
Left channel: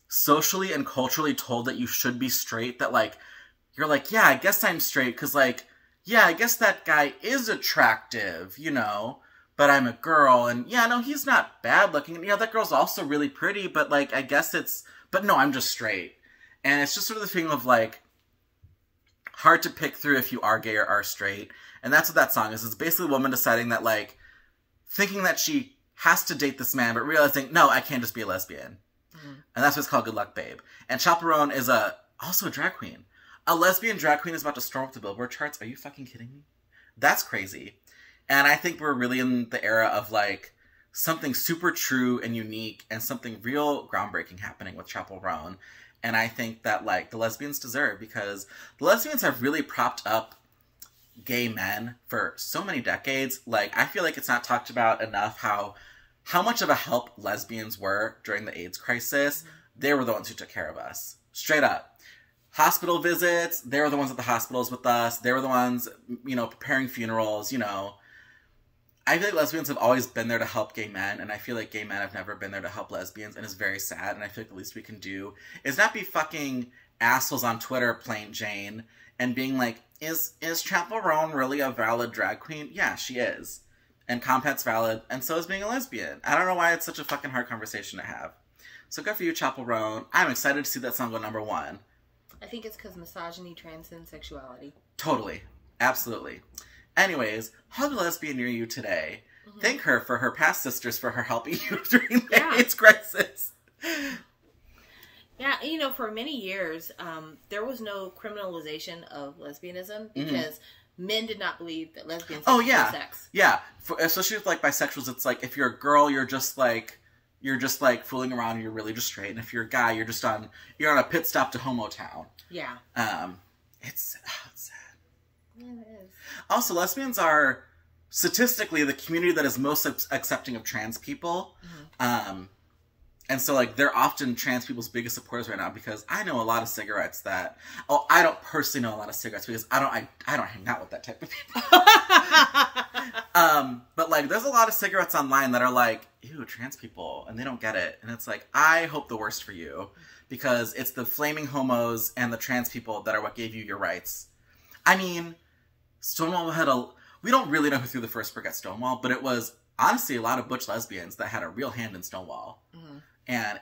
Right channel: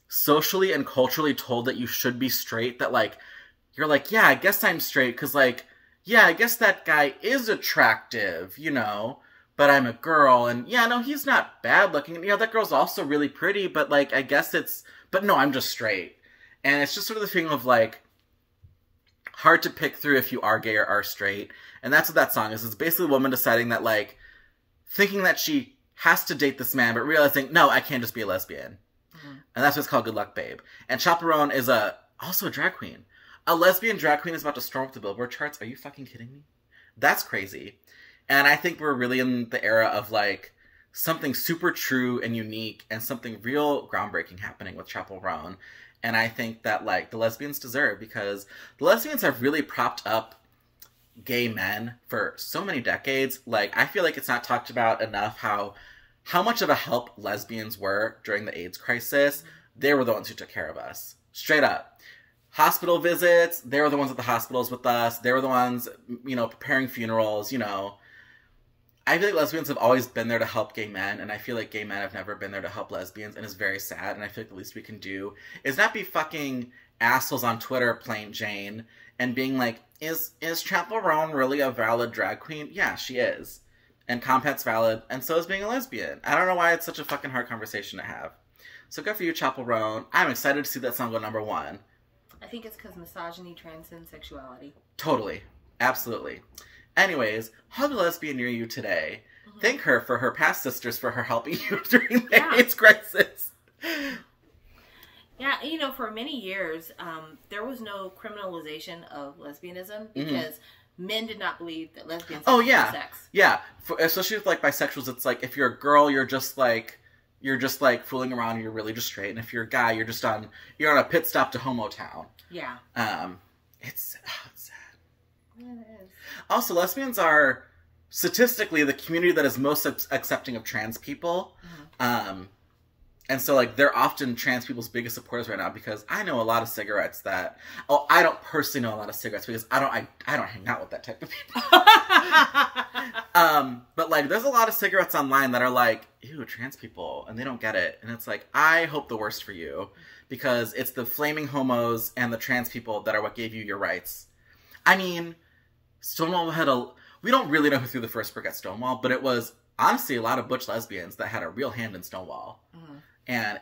socially and culturally told that you should be straight that like, you're like, yeah, I guess I'm straight because like, yeah, I guess that guy is attractive, you know, but I'm a girl and yeah, no, he's not bad looking. And yeah, that girl's also really pretty, but like, I guess but no, I'm just straight. And it's just sort of the thing of like, hard to pick through if you are gay or are straight. And that's what that song is. It's basically a woman deciding that like, thinking that she has to date this man, but realizing, no, I can't just be a lesbian. And that's what's called Good Luck Babe. And Chappell Roan is also a drag queen. A lesbian drag queen is about to storm up the Billboard charts. Are you fucking kidding me? That's crazy. And I think we're really in the era of like, something super true and unique and something real groundbreaking happening with Chappell Roan. And I think that, like, the lesbians deserve, because the lesbians have really propped up gay men for so many decades. Like, I feel like it's not talked about enough how much of a help lesbians were during the AIDS crisis. They were the ones who took care of us. Straight up. Hospital visits, they were the ones at the hospitals with us. They were the ones, you know, preparing funerals, you know. I feel like lesbians have always been there to help gay men, and I feel like gay men have never been there to help lesbians, and it's very sad, and I feel like the least we can do is not be fucking assholes on Twitter, plain Jane, and being like, is Chappell Roan really a valid drag queen? Yeah, she is. And Compet's valid, and so is being a lesbian. I don't know why it's such a fucking hard conversation to have. So good for you, Chappell Roan. I'm excited to see that song go #1. I think it's because misogyny transcends sexuality. Totally. Absolutely. Anyways, hug a lesbian near you today. Thank her for her past sisters for her helping you during the AIDS crisis. Yeah, you know, for many years, there was no criminalization of lesbianism because men did not believe that lesbians had sex. Yeah, especially with, like, bisexuals, it's like, if you're a girl, you're just like fooling around and you're really just straight. And if you're a guy, you're on a pit stop to Homo Town. Yeah. It's sad. Yeah, it is. Also, lesbians are statistically the community that is most accepting of trans people. And so, like, they're often trans people's biggest supporters right now, because I know a lot of cigarettes that... Oh, I don't personally know a lot of cigarettes because I don't hang out with that type of people. But, like, there's a lot of cigarettes online that are like, ew, trans people, and they don't get it. And it's like, I hope the worst for you, because it's the flaming homos and the trans people that are what gave you your rights. I mean, Stonewall had we don't really know who threw the first brick at Stonewall, but it was, honestly, a lot of butch lesbians that had a real hand in Stonewall. And,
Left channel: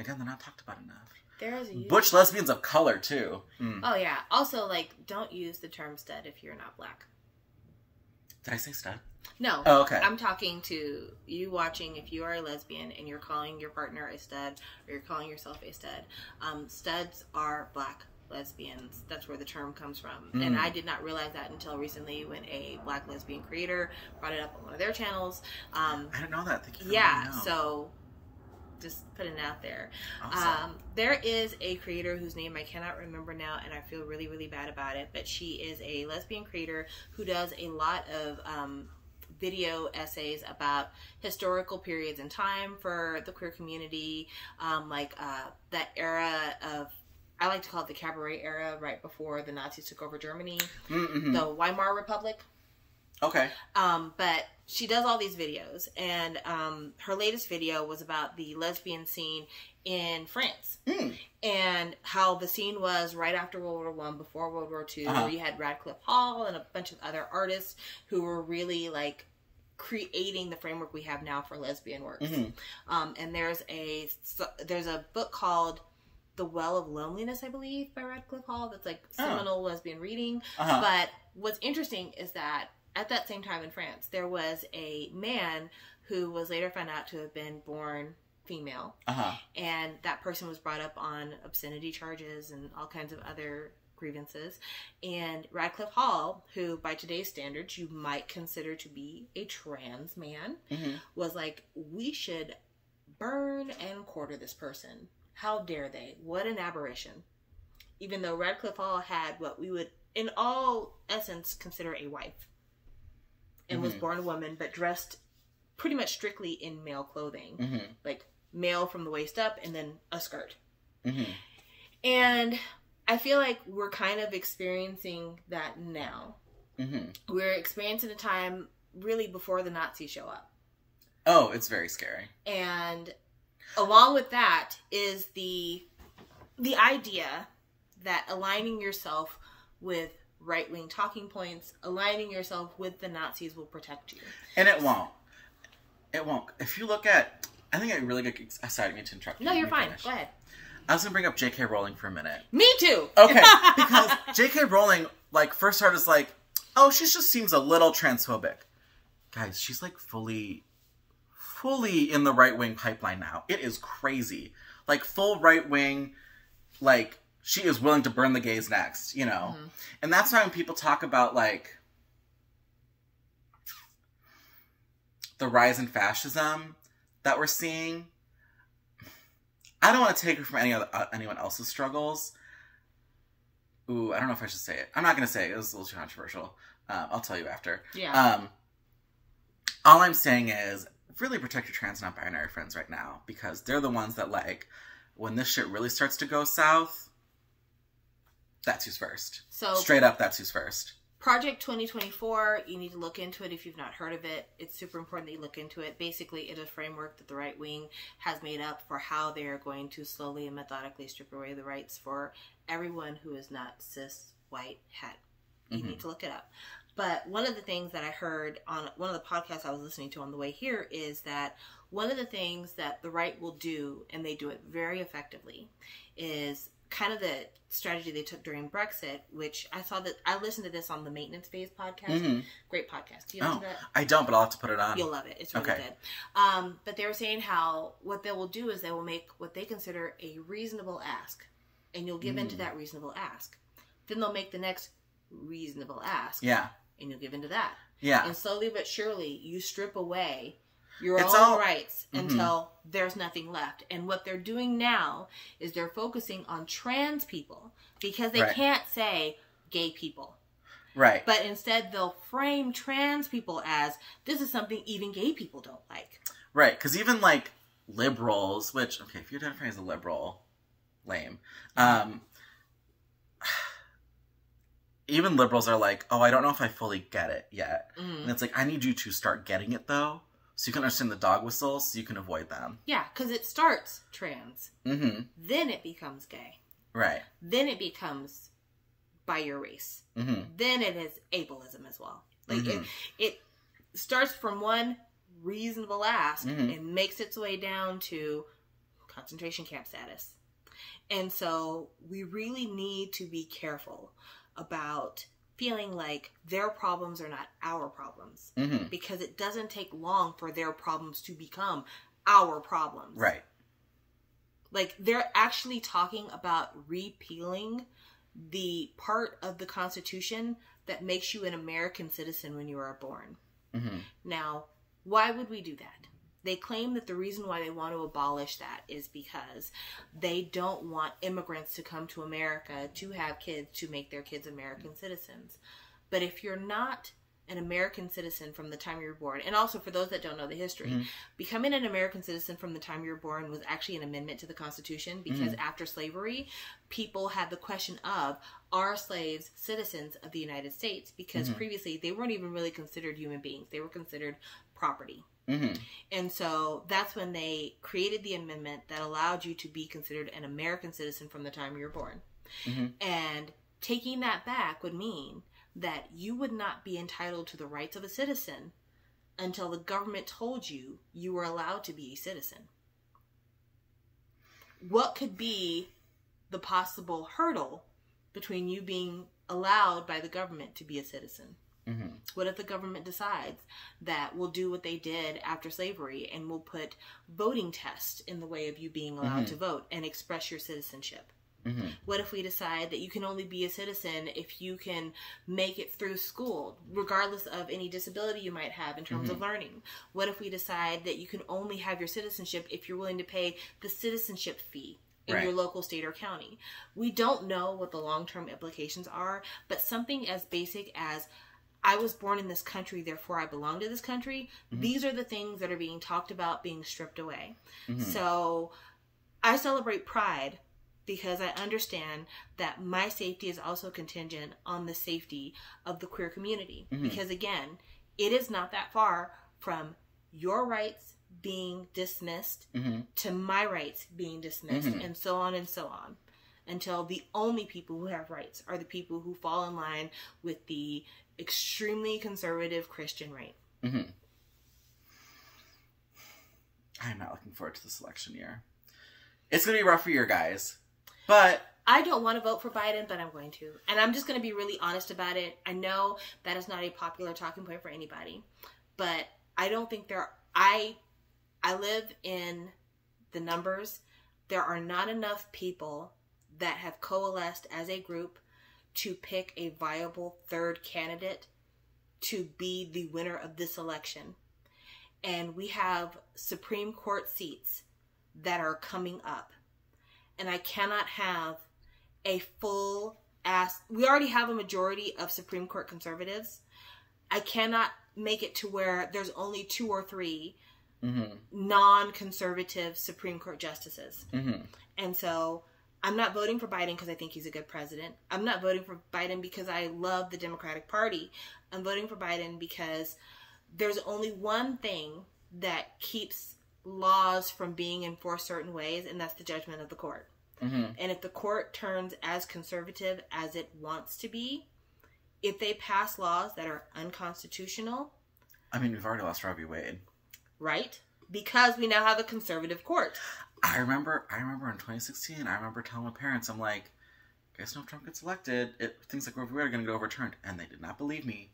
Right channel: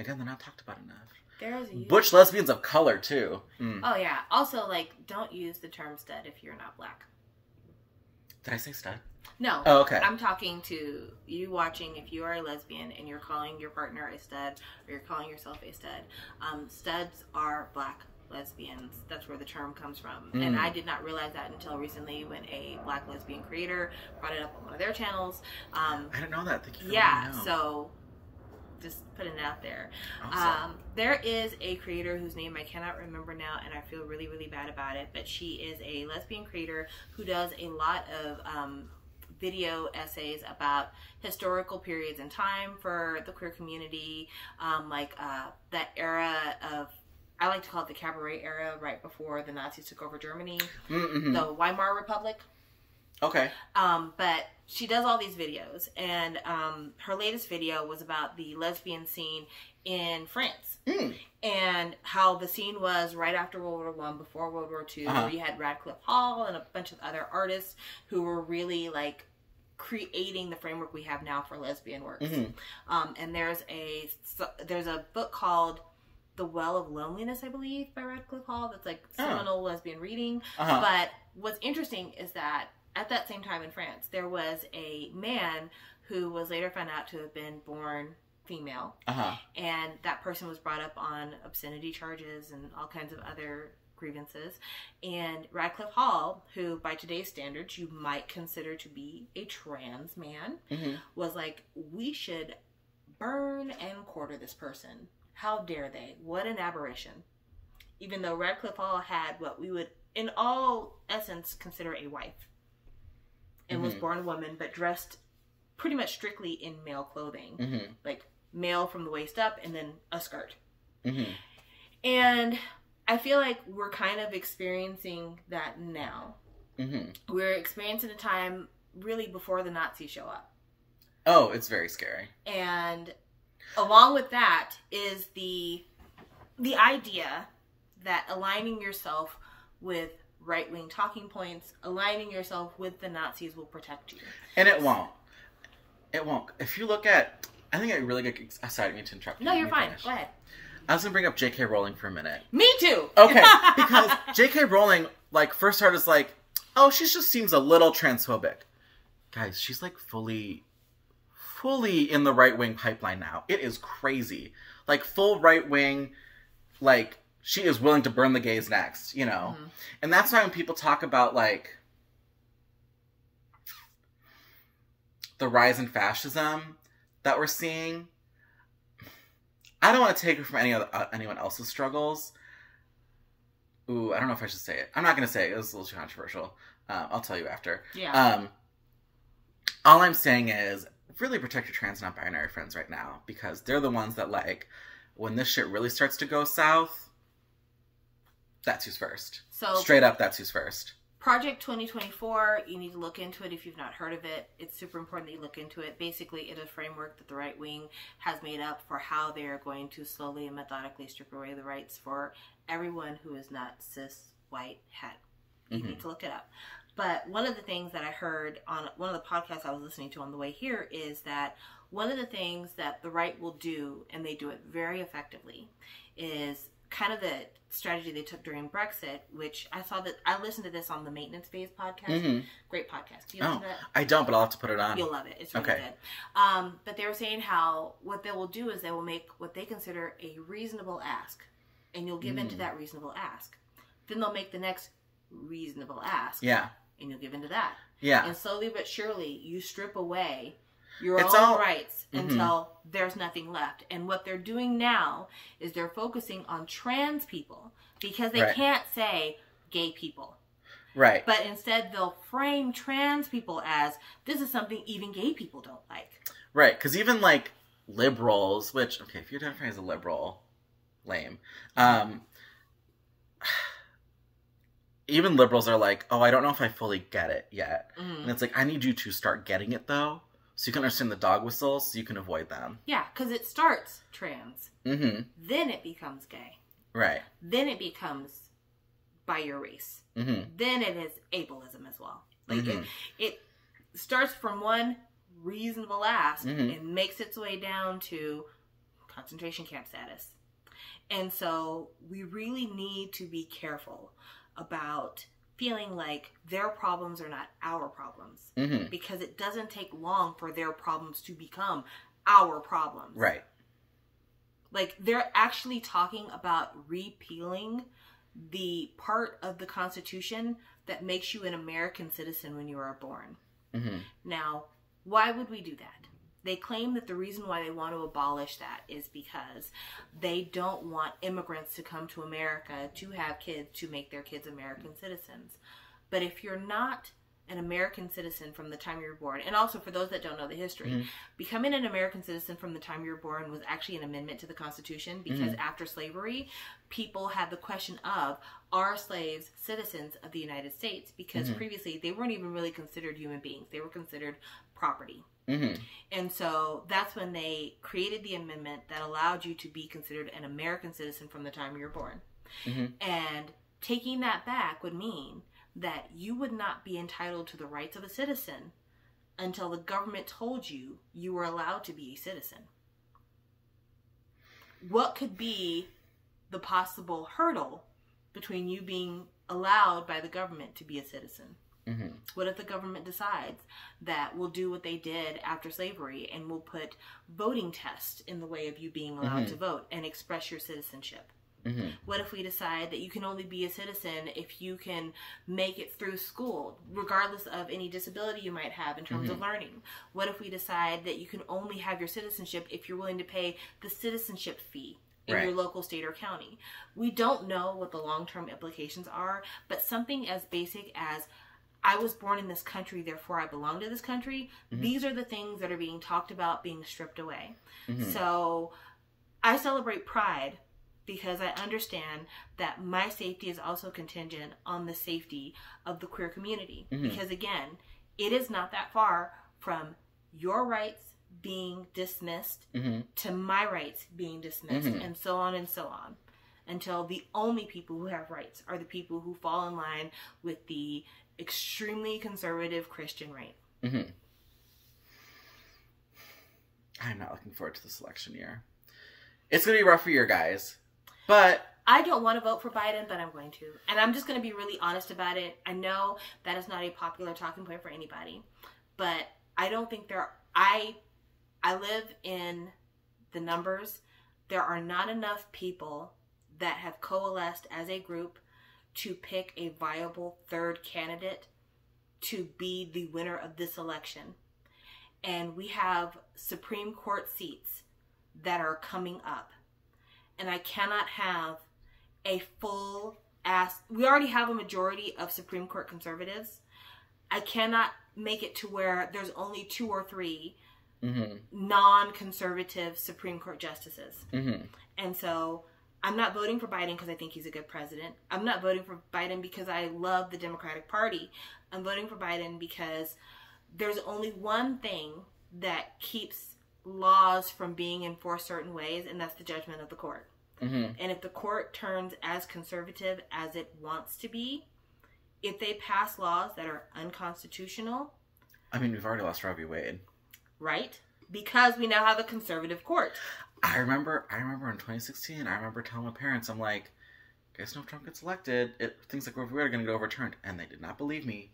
again, they're not talked about enough. Butch lesbians of color, too. Oh, yeah. Also, like, don't use the term stud if you're not black. Did I say stud? No. Oh, okay. I'm talking to you watching, if you are a lesbian and you're calling your partner a stud, or you're calling yourself a stud. Studs are black lesbians. That's where the term comes from. And I did not realize that until recently when a black lesbian creator brought it up on one of their channels. I didn't know that. Thank you for letting me know. So... just putting it out there. Awesome. There is a creator whose name I cannot remember now, and I feel really, really bad about it, but she is a lesbian creator who does a lot of video essays about historical periods in time for the queer community, like that era of, I like to call it the cabaret era, right before the Nazis took over Germany, the Weimar Republic. Okay. But she does all these videos, and her latest video was about the lesbian scene in France and how the scene was right after World War I, before World War II. You had Radcliffe Hall and a bunch of other artists who were really, like, creating the framework we have now for lesbian works. And there's a book called The Well of Loneliness, I believe, by Radcliffe Hall, that's like seminal lesbian reading. But what's interesting is that at that same time in France, there was a man who was later found out to have been born female. And that person was brought up on obscenity charges and all kinds of other grievances. And Radcliffe Hall, who by today's standards you might consider to be a trans man, was like, we should burn and quarter this person. How dare they? What an aberration. Even though Radcliffe Hall had what we would, in all essence, consider a wife. And was born a woman, but dressed pretty much strictly in male clothing. Like, male from the waist up, and then a skirt. And I feel like we're kind of experiencing that now. We're experiencing a time really before the Nazis show up. Oh, it's very scary. And along with that is the idea that aligning yourself with right-wing talking points, aligning yourself with the Nazis will protect you. And it won't. It won't. If you look at... I think I really get... Sorry, I didn't mean to interrupt you. No, you're fine. Go ahead. I was going to bring up J.K. Rowling for a minute. Me too! Okay, because J.K. Rowling, like, first started as like, oh, she just seems a little transphobic. Guys, she's like fully in the right-wing pipeline now. It is crazy. Like, full right-wing, like... She is willing to burn the gays next, you know? And that's why when people talk about, like, the rise in fascism that we're seeing, I don't want to take it from anyone else's struggles. Ooh, I don't know if I should say it. I'm not going to say it. It was a little too controversial. I'll tell you after. Yeah. All I'm saying is really protect your trans and non-binary friends right now, because they're the ones that, like, when this shit really starts to go south, that's who's first. So straight up, that's who's first. Project 2024, you need to look into it if you've not heard of it. It's super important that you look into it. Basically, it is a framework that the right wing has made up for how they are going to slowly and methodically strip away the rights for everyone who is not cis, white, het. You need to look it up. But one of the things that I heard on one of the podcasts I was listening to on the way here is that one of the things that the right will do, and they do it very effectively, is kind of the strategy they took during Brexit, which I saw that I listened to this on the Maintenance Phase podcast. Great podcast. Do you listen to that? I don't, but I'll have to put it on. You'll love it. It's really good. But they were saying how what they will do is they will make what they consider a reasonable ask, and you'll give into that reasonable ask. Then they'll make the next reasonable ask. Yeah. And you'll give into that. Yeah. And slowly but surely, you strip away your own rights until there's nothing left. And what they're doing now is they're focusing on trans people because they can't say gay people. Right. But instead, they'll frame trans people as, this is something even gay people don't like. Right. Because even, like, liberals, which, okay, if you identify as a liberal, lame. Even liberals are like, oh, I don't know if I fully get it yet. And it's like, I need you to start getting it, though, so you can understand the dog whistles, so you can avoid them. Yeah, because it starts trans. Then it becomes gay. Right. Then it becomes by your race. Then it is ableism as well. Like it starts from one reasonable ask and makes its way down to concentration camp status. And so we really need to be careful about feeling like their problems are not our problems. Because it doesn't take long for their problems to become our problems. Right. Like, they're actually talking about repealing the part of the Constitution that makes you an American citizen when you are born. Now, why would we do that? They claim that the reason why they want to abolish that is because they don't want immigrants to come to America to have kids to make their kids American citizens. But if you're not an American citizen from the time you were born, and also for those that don't know the history, becoming an American citizen from the time you were born was actually an amendment to the Constitution, because after slavery, people had the question of, are slaves citizens of the United States? Because previously they weren't even really considered human beings. They were considered property. And so that's when they created the amendment that allowed you to be considered an American citizen from the time you were born. And taking that back would mean that you would not be entitled to the rights of a citizen until the government told you you were allowed to be a citizen. What could be the possible hurdle between you being allowed by the government to be a citizen? What if the government decides that we'll do what they did after slavery and we'll put voting tests in the way of you being allowed to vote and express your citizenship? What if we decide that you can only be a citizen if you can make it through school, regardless of any disability you might have in terms of learning? What if we decide that you can only have your citizenship if you're willing to pay the citizenship fee in your local state or county? We don't know what the long-term implications are, but something as basic as, I was born in this country, therefore I belong to this country, these are the things that are being talked about being stripped away. So I celebrate Pride because I understand that my safety is also contingent on the safety of the queer community. Because again, it is not that far from your rights being dismissed to my rights being dismissed, and so on, until the only people who have rights are the people who fall in line with the extremely conservative Christian right. I'm not looking forward to this election year. It's going to be a rough year, guys. But I don't want to vote for Biden, but I'm going to. And I'm just going to be really honest about it. I know that is not a popular talking point for anybody, but I don't think I live in the numbers. There are not enough people that have coalesced as a group to pick a viable third candidate to be the winner of this election. and we have Supreme Court seats that are coming up. And I cannot have a full ass... We already have a majority of Supreme Court conservatives. I cannot make it to where there's only 2 or 3 non-conservative Supreme Court justices. And so I'm not voting for Biden because I think he's a good president. I'm not voting for Biden because I love the Democratic Party. I'm voting for Biden because there's only one thing that keeps laws from being enforced certain ways, and that's the judgment of the court. And if the court turns as conservative as it wants to be, if they pass laws that are unconstitutional... I mean, we've already lost Roe v. Wade. Right? Because we now have a conservative court. I remember in 2016, I remember telling my parents, I'm like, guys know if Trump gets elected, things like Roe v. Wade are going to get overturned. And they did not believe me.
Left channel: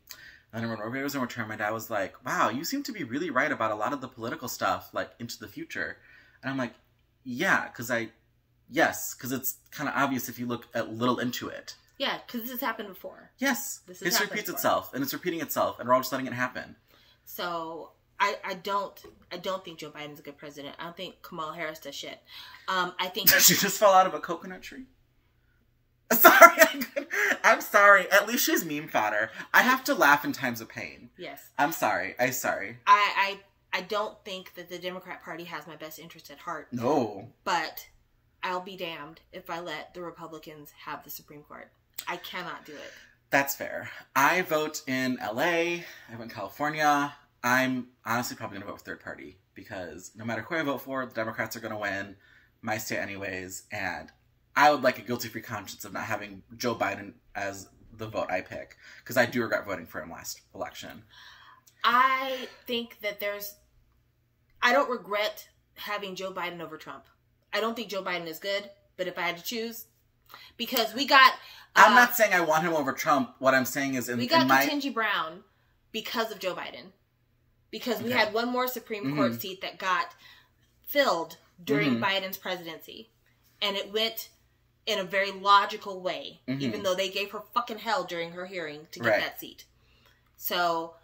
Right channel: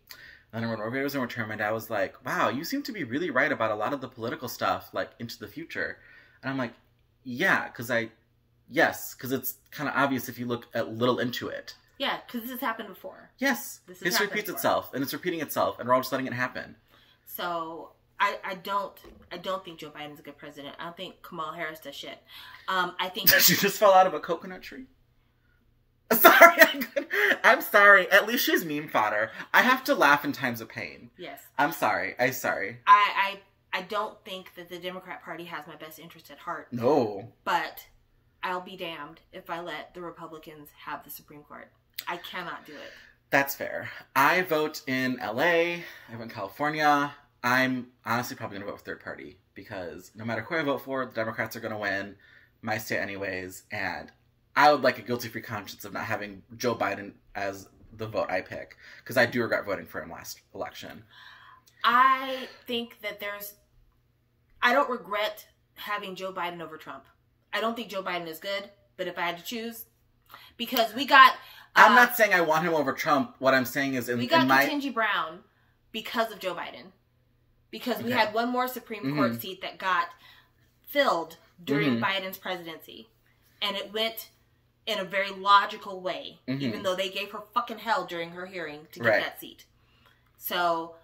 And then when Roe v. Wade was overturned, my dad was like, wow, you seem to be really right about a lot of the political stuff, like, into the future. And I'm like, yeah, because it's kind of obvious if you look a little into it. Yeah, because this has happened before. Yes. History repeats itself, and it's repeating itself, and we're all just letting it happen. So, I don't think Joe Biden's a good president. I don't think Kamala Harris does shit. I think... She just fell out of a coconut tree? Sorry, I'm sorry. At least she's meme fodder. I have to laugh in times of pain. Yes. I'm sorry. I don't think that the Democrat Party has my best interest at heart. No. But I'll be damned if I let the Republicans have the Supreme Court. I cannot do it. That's fair. I vote in LA. I vote in California. I'm honestly probably going to vote for third party because no matter who I vote for, the Democrats are going to win my state anyways. And I would like a guilty-free conscience of not having Joe Biden as the vote I pick because I do regret voting for him last election. I think that I don't regret having Joe Biden over Trump. I don't think Joe Biden is good, but if I had to choose, because we got... I'm not saying I want him over Trump. What I'm saying is we got Ketanji Brown because of Joe Biden. Because we had one more Supreme Court seat that got filled during Biden's presidency. And it went in a very logical way, even though they gave her fucking hell during her hearing to get that seat. So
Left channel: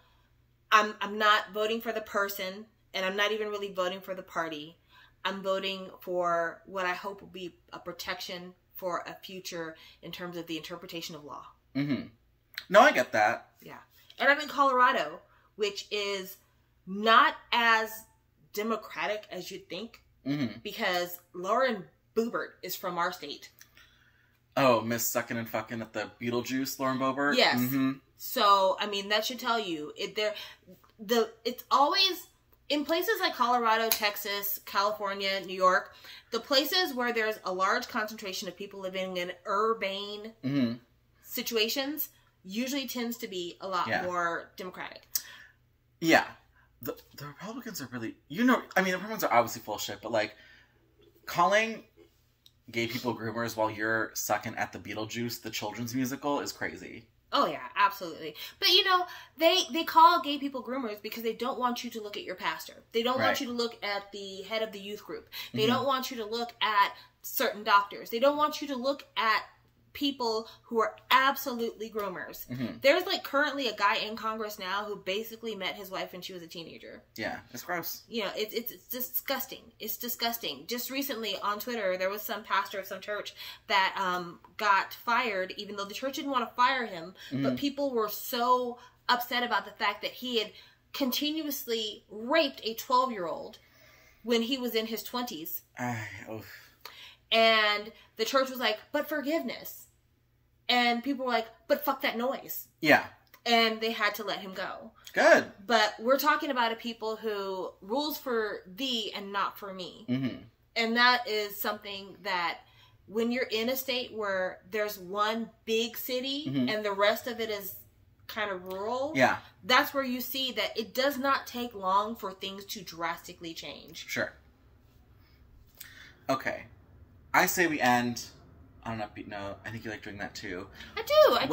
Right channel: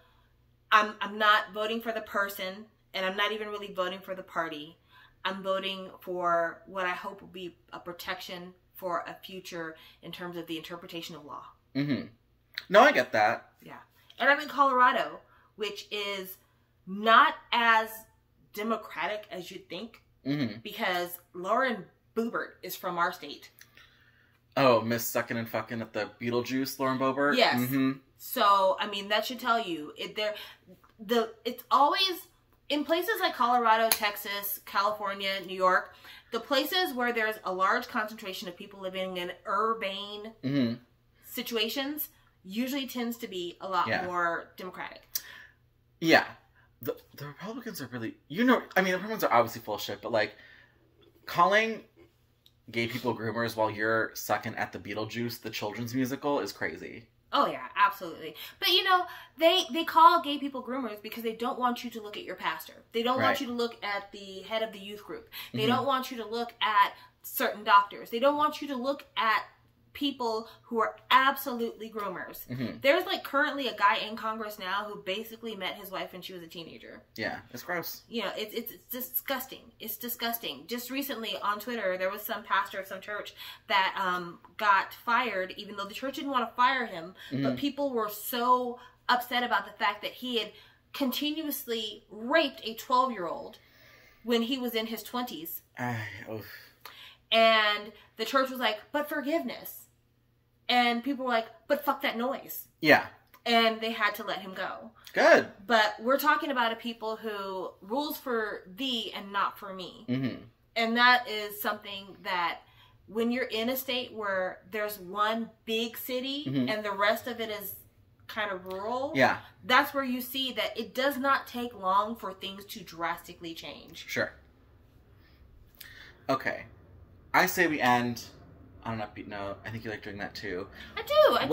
I'm not voting for the person, and I'm not even really voting for the party. I'm voting for what I hope will be a protection for a future in terms of the interpretation of law. No, I get that. Yeah. And I'm in Colorado, which is not as democratic as you'd think, because Lauren Boebert is from our state. Oh, Miss Suckin' and Fucking at the Beetlejuice, Lauren Boebert? Yes. So, I mean, that should tell you. It's always... In places like Colorado, Texas, California, New York, the places where there's a large concentration of people living in urbane situations usually tends to be a lot more democratic. Yeah. The Republicans are really... the Republicans are obviously full of shit, but, like, calling gay people groomers while you're sucking at the Beetlejuice, the children's musical, is crazy. Oh, yeah, absolutely. But, they call gay people groomers because they don't want you to look at your pastor. They don't want you to look at the head of the youth group. They don't want you to look at certain doctors. They don't want you to look at people who are absolutely groomers. There's, like, currently a guy in Congress now who basically met his wife when she was a teenager. Yeah, it's gross. It's disgusting. It's disgusting. Just recently on Twitter, there was some pastor of some church that got fired, even though the church didn't want to fire him, but people were so upset about the fact that he had continuously raped a 12-year-old when he was in his 20s. And the church was like, but forgiveness. And people were like, but fuck that noise. Yeah. And they had to let him go. Good. But we're talking about a people who rules for thee and not for me. And that is something that when you're in a state where there's one big city and the rest of it is kind of rural, that's where you see that it does not take long for things to drastically change. Sure. Okay. I say we end on an upbeat note. I think you like doing that too. I do. I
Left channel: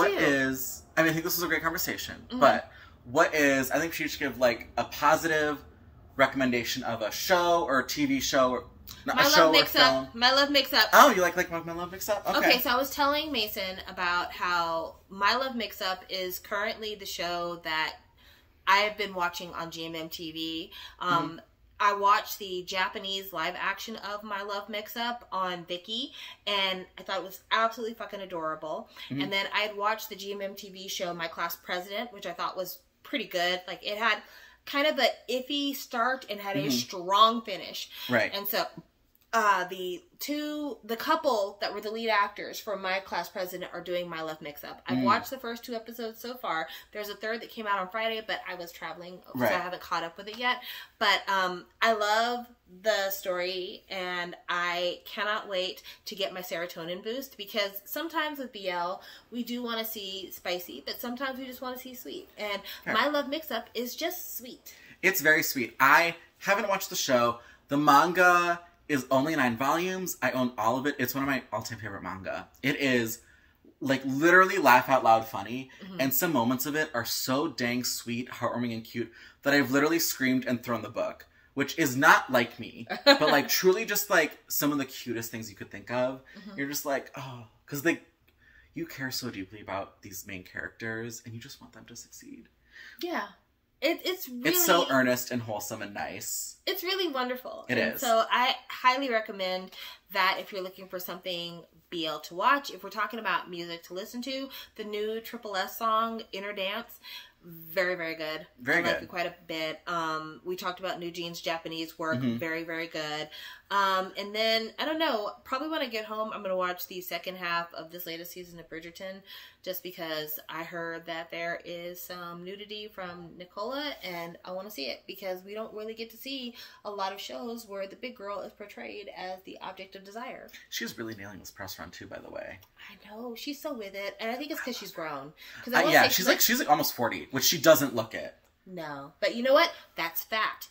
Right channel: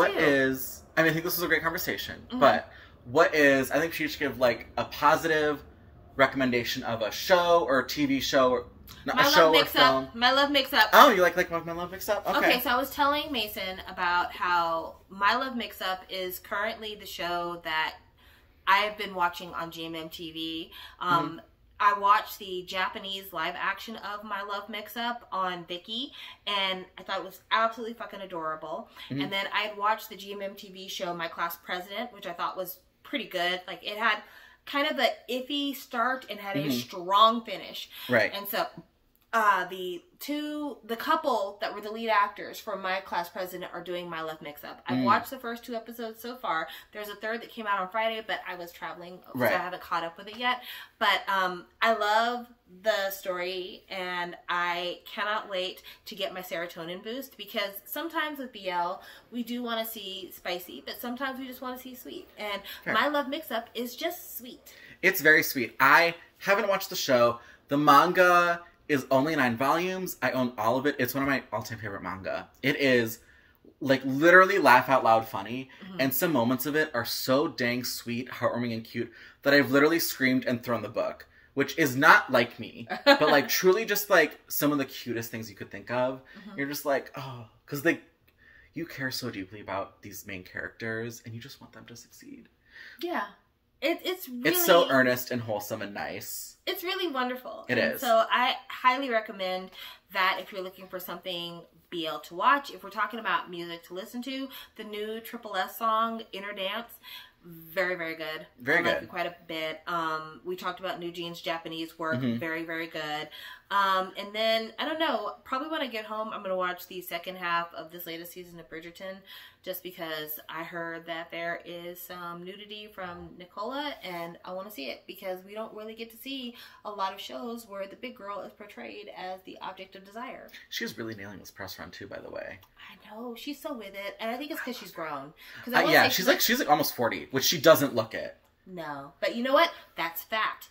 think this was a great conversation, but I think she should give like a positive recommendation of a show or a TV show or a show or film. My Love Mix-Up. Oh, you like My Love Mix-Up? Okay, so I was telling Mason about how My Love Mix-Up is currently the show that I've been watching on GMM TV. I watched the Japanese live action of My Love Mix-Up on Viki, and I thought it was absolutely fucking adorable. And then I had watched the GMM TV show My Class President, which I thought was pretty good. Like, it had kind of an iffy start and had a strong finish. Right. And so the couple that were the lead actors for My Class President are doing My Love Mix-Up. I've watched the first 2 episodes so far. There's a third that came out on Friday, but I was traveling, so I haven't caught up with it yet. But I love the story, and I cannot wait to get my serotonin boost, because sometimes with BL, we do want to see spicy, but sometimes we just want to see sweet. And My Love Mix-Up is just sweet. It's very sweet. I haven't watched the show. The manga is only 9 volumes. I own all of it. It's one of my all-time favorite manga. It is, like, literally laugh out loud funny, and some moments of it are so dang sweet, heartwarming, and cute that I've literally screamed and thrown the book, which is not like me, but, like, truly just, like, some of the cutest things you could think of. You're just like, oh, because, like, you care so deeply about these main characters, and you just want them to succeed. Yeah. It's really... It's so earnest and wholesome and nice. It's really wonderful. It is. So I highly recommend that if you're looking for something BL to watch. If we're talking about music to listen to, the new Triple S song, Inner Dance, very, very good. Very good. I like it quite a bit. We talked about New Jeans Japanese work. Very, very good. And then, I don't know, probably when I get home, I'm going to watch the second half of this latest season of Bridgerton, just because I heard that there is some nudity from Nicola, and I want to see it, because we don't really get to see a lot of shows where the big girl is portrayed as the object of desire. She's really nailing this press run, too, by the way. I know, she's so with it, and I think it's because she's grown. Yeah, she's like almost 40, which she doesn't look it. No, but you know what? That's fat.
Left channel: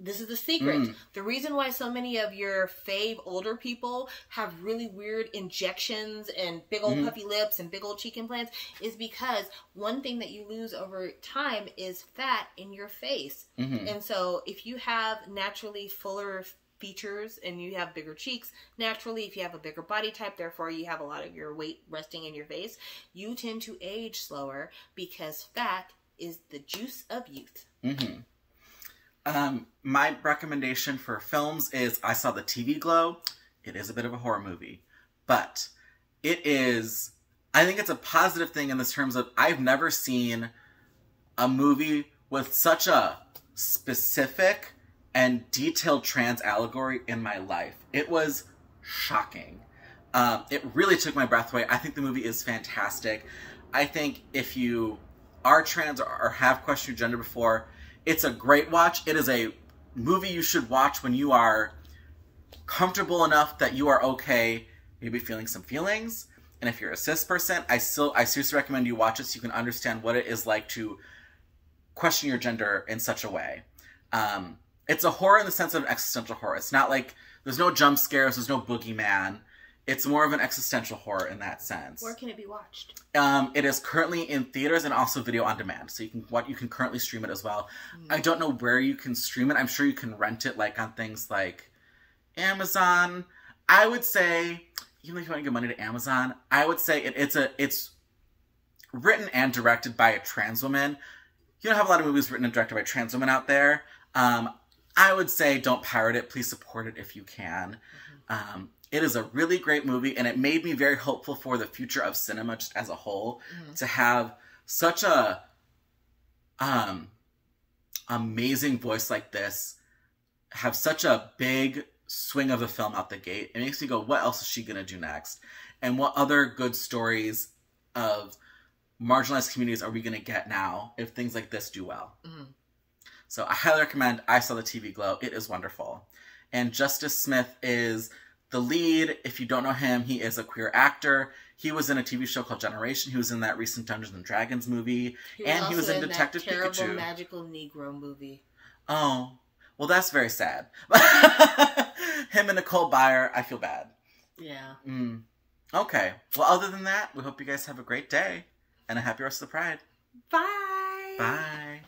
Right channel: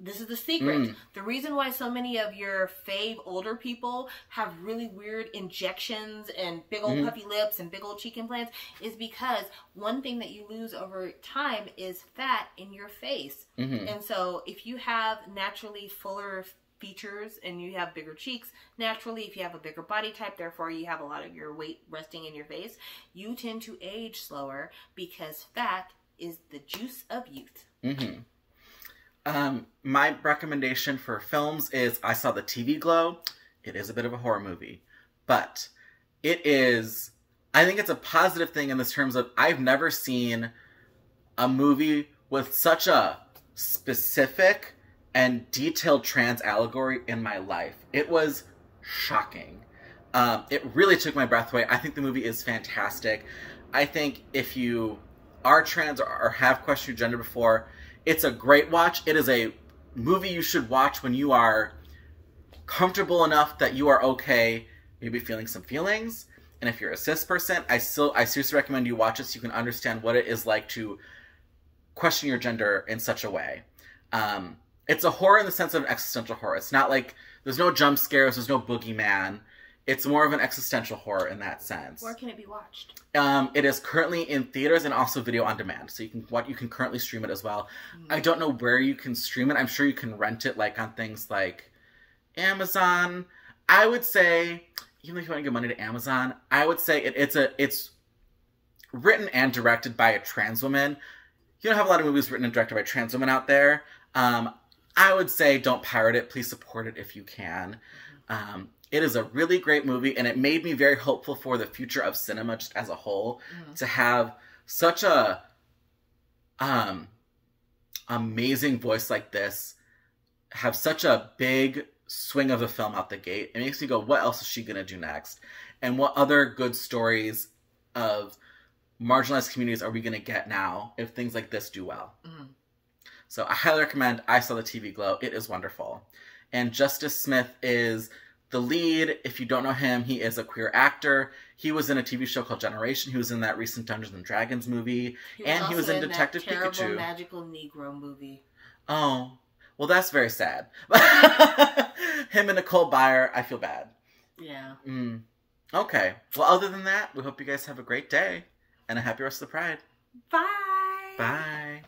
This is the secret. The reason why so many of your fave older people have really weird injections and big old puffy lips and big old cheek implants is because one thing that you lose over time is fat in your face. And so if you have naturally fuller features and you have bigger cheeks, naturally, if you have a bigger body type, therefore you have a lot of your weight resting in your face, you tend to age slower, because fat is the juice of youth. My recommendation for films is, I saw The TV Glow. It is a bit of a horror movie, but it is, I think it's a positive thing in the terms of, I've never seen a movie with such a specific and detailed trans allegory in my life. It was shocking. It really took my breath away. I think the movie is fantastic. I think if you are trans or have questioned your gender before, it's a great watch. It is a movie you should watch when you are comfortable enough that you are okay maybe feeling some feelings. And if you're a cis person, I seriously recommend you watch it so you can understand what it is like to question your gender in such a way. It's a horror in the sense of an existential horror. It's not like, there's no jump scares, there's no boogeyman. It's more of an existential horror in that sense. Where can it be watched? It is currently in theaters and also video on demand. So you can currently stream it as well. I don't know where you can stream it. I'm sure you can rent it, like, on things like Amazon. I would say, even if you want to give money to Amazon, I would say it's written and directed by a trans woman. You don't have a lot of movies written and directed by trans women out there. I would say don't pirate it. Please support it if you can. It is a really great movie, and it made me very hopeful for the future of cinema just as a whole, to have such a amazing voice like this, have such a big swing of the film out the gate. It makes me go, what else is she going to do next? And what other good stories of marginalized communities are we going to get now if things like this do well? So I highly recommend I Saw the TV Glow. It is wonderful. And Justice Smith is the lead. If you don't know him, he is a queer actor. He was in a TV show called Generation. He was in that recent Dungeons and Dragons movie. And he was in Detective Pikachu. That terrible magical Negro movie. Oh, well, that's very sad. Him and Nicole Byer, I feel bad. Yeah. Okay. Well, other than that, we hope you guys have a great day and a happy rest of the Pride. Bye. Bye.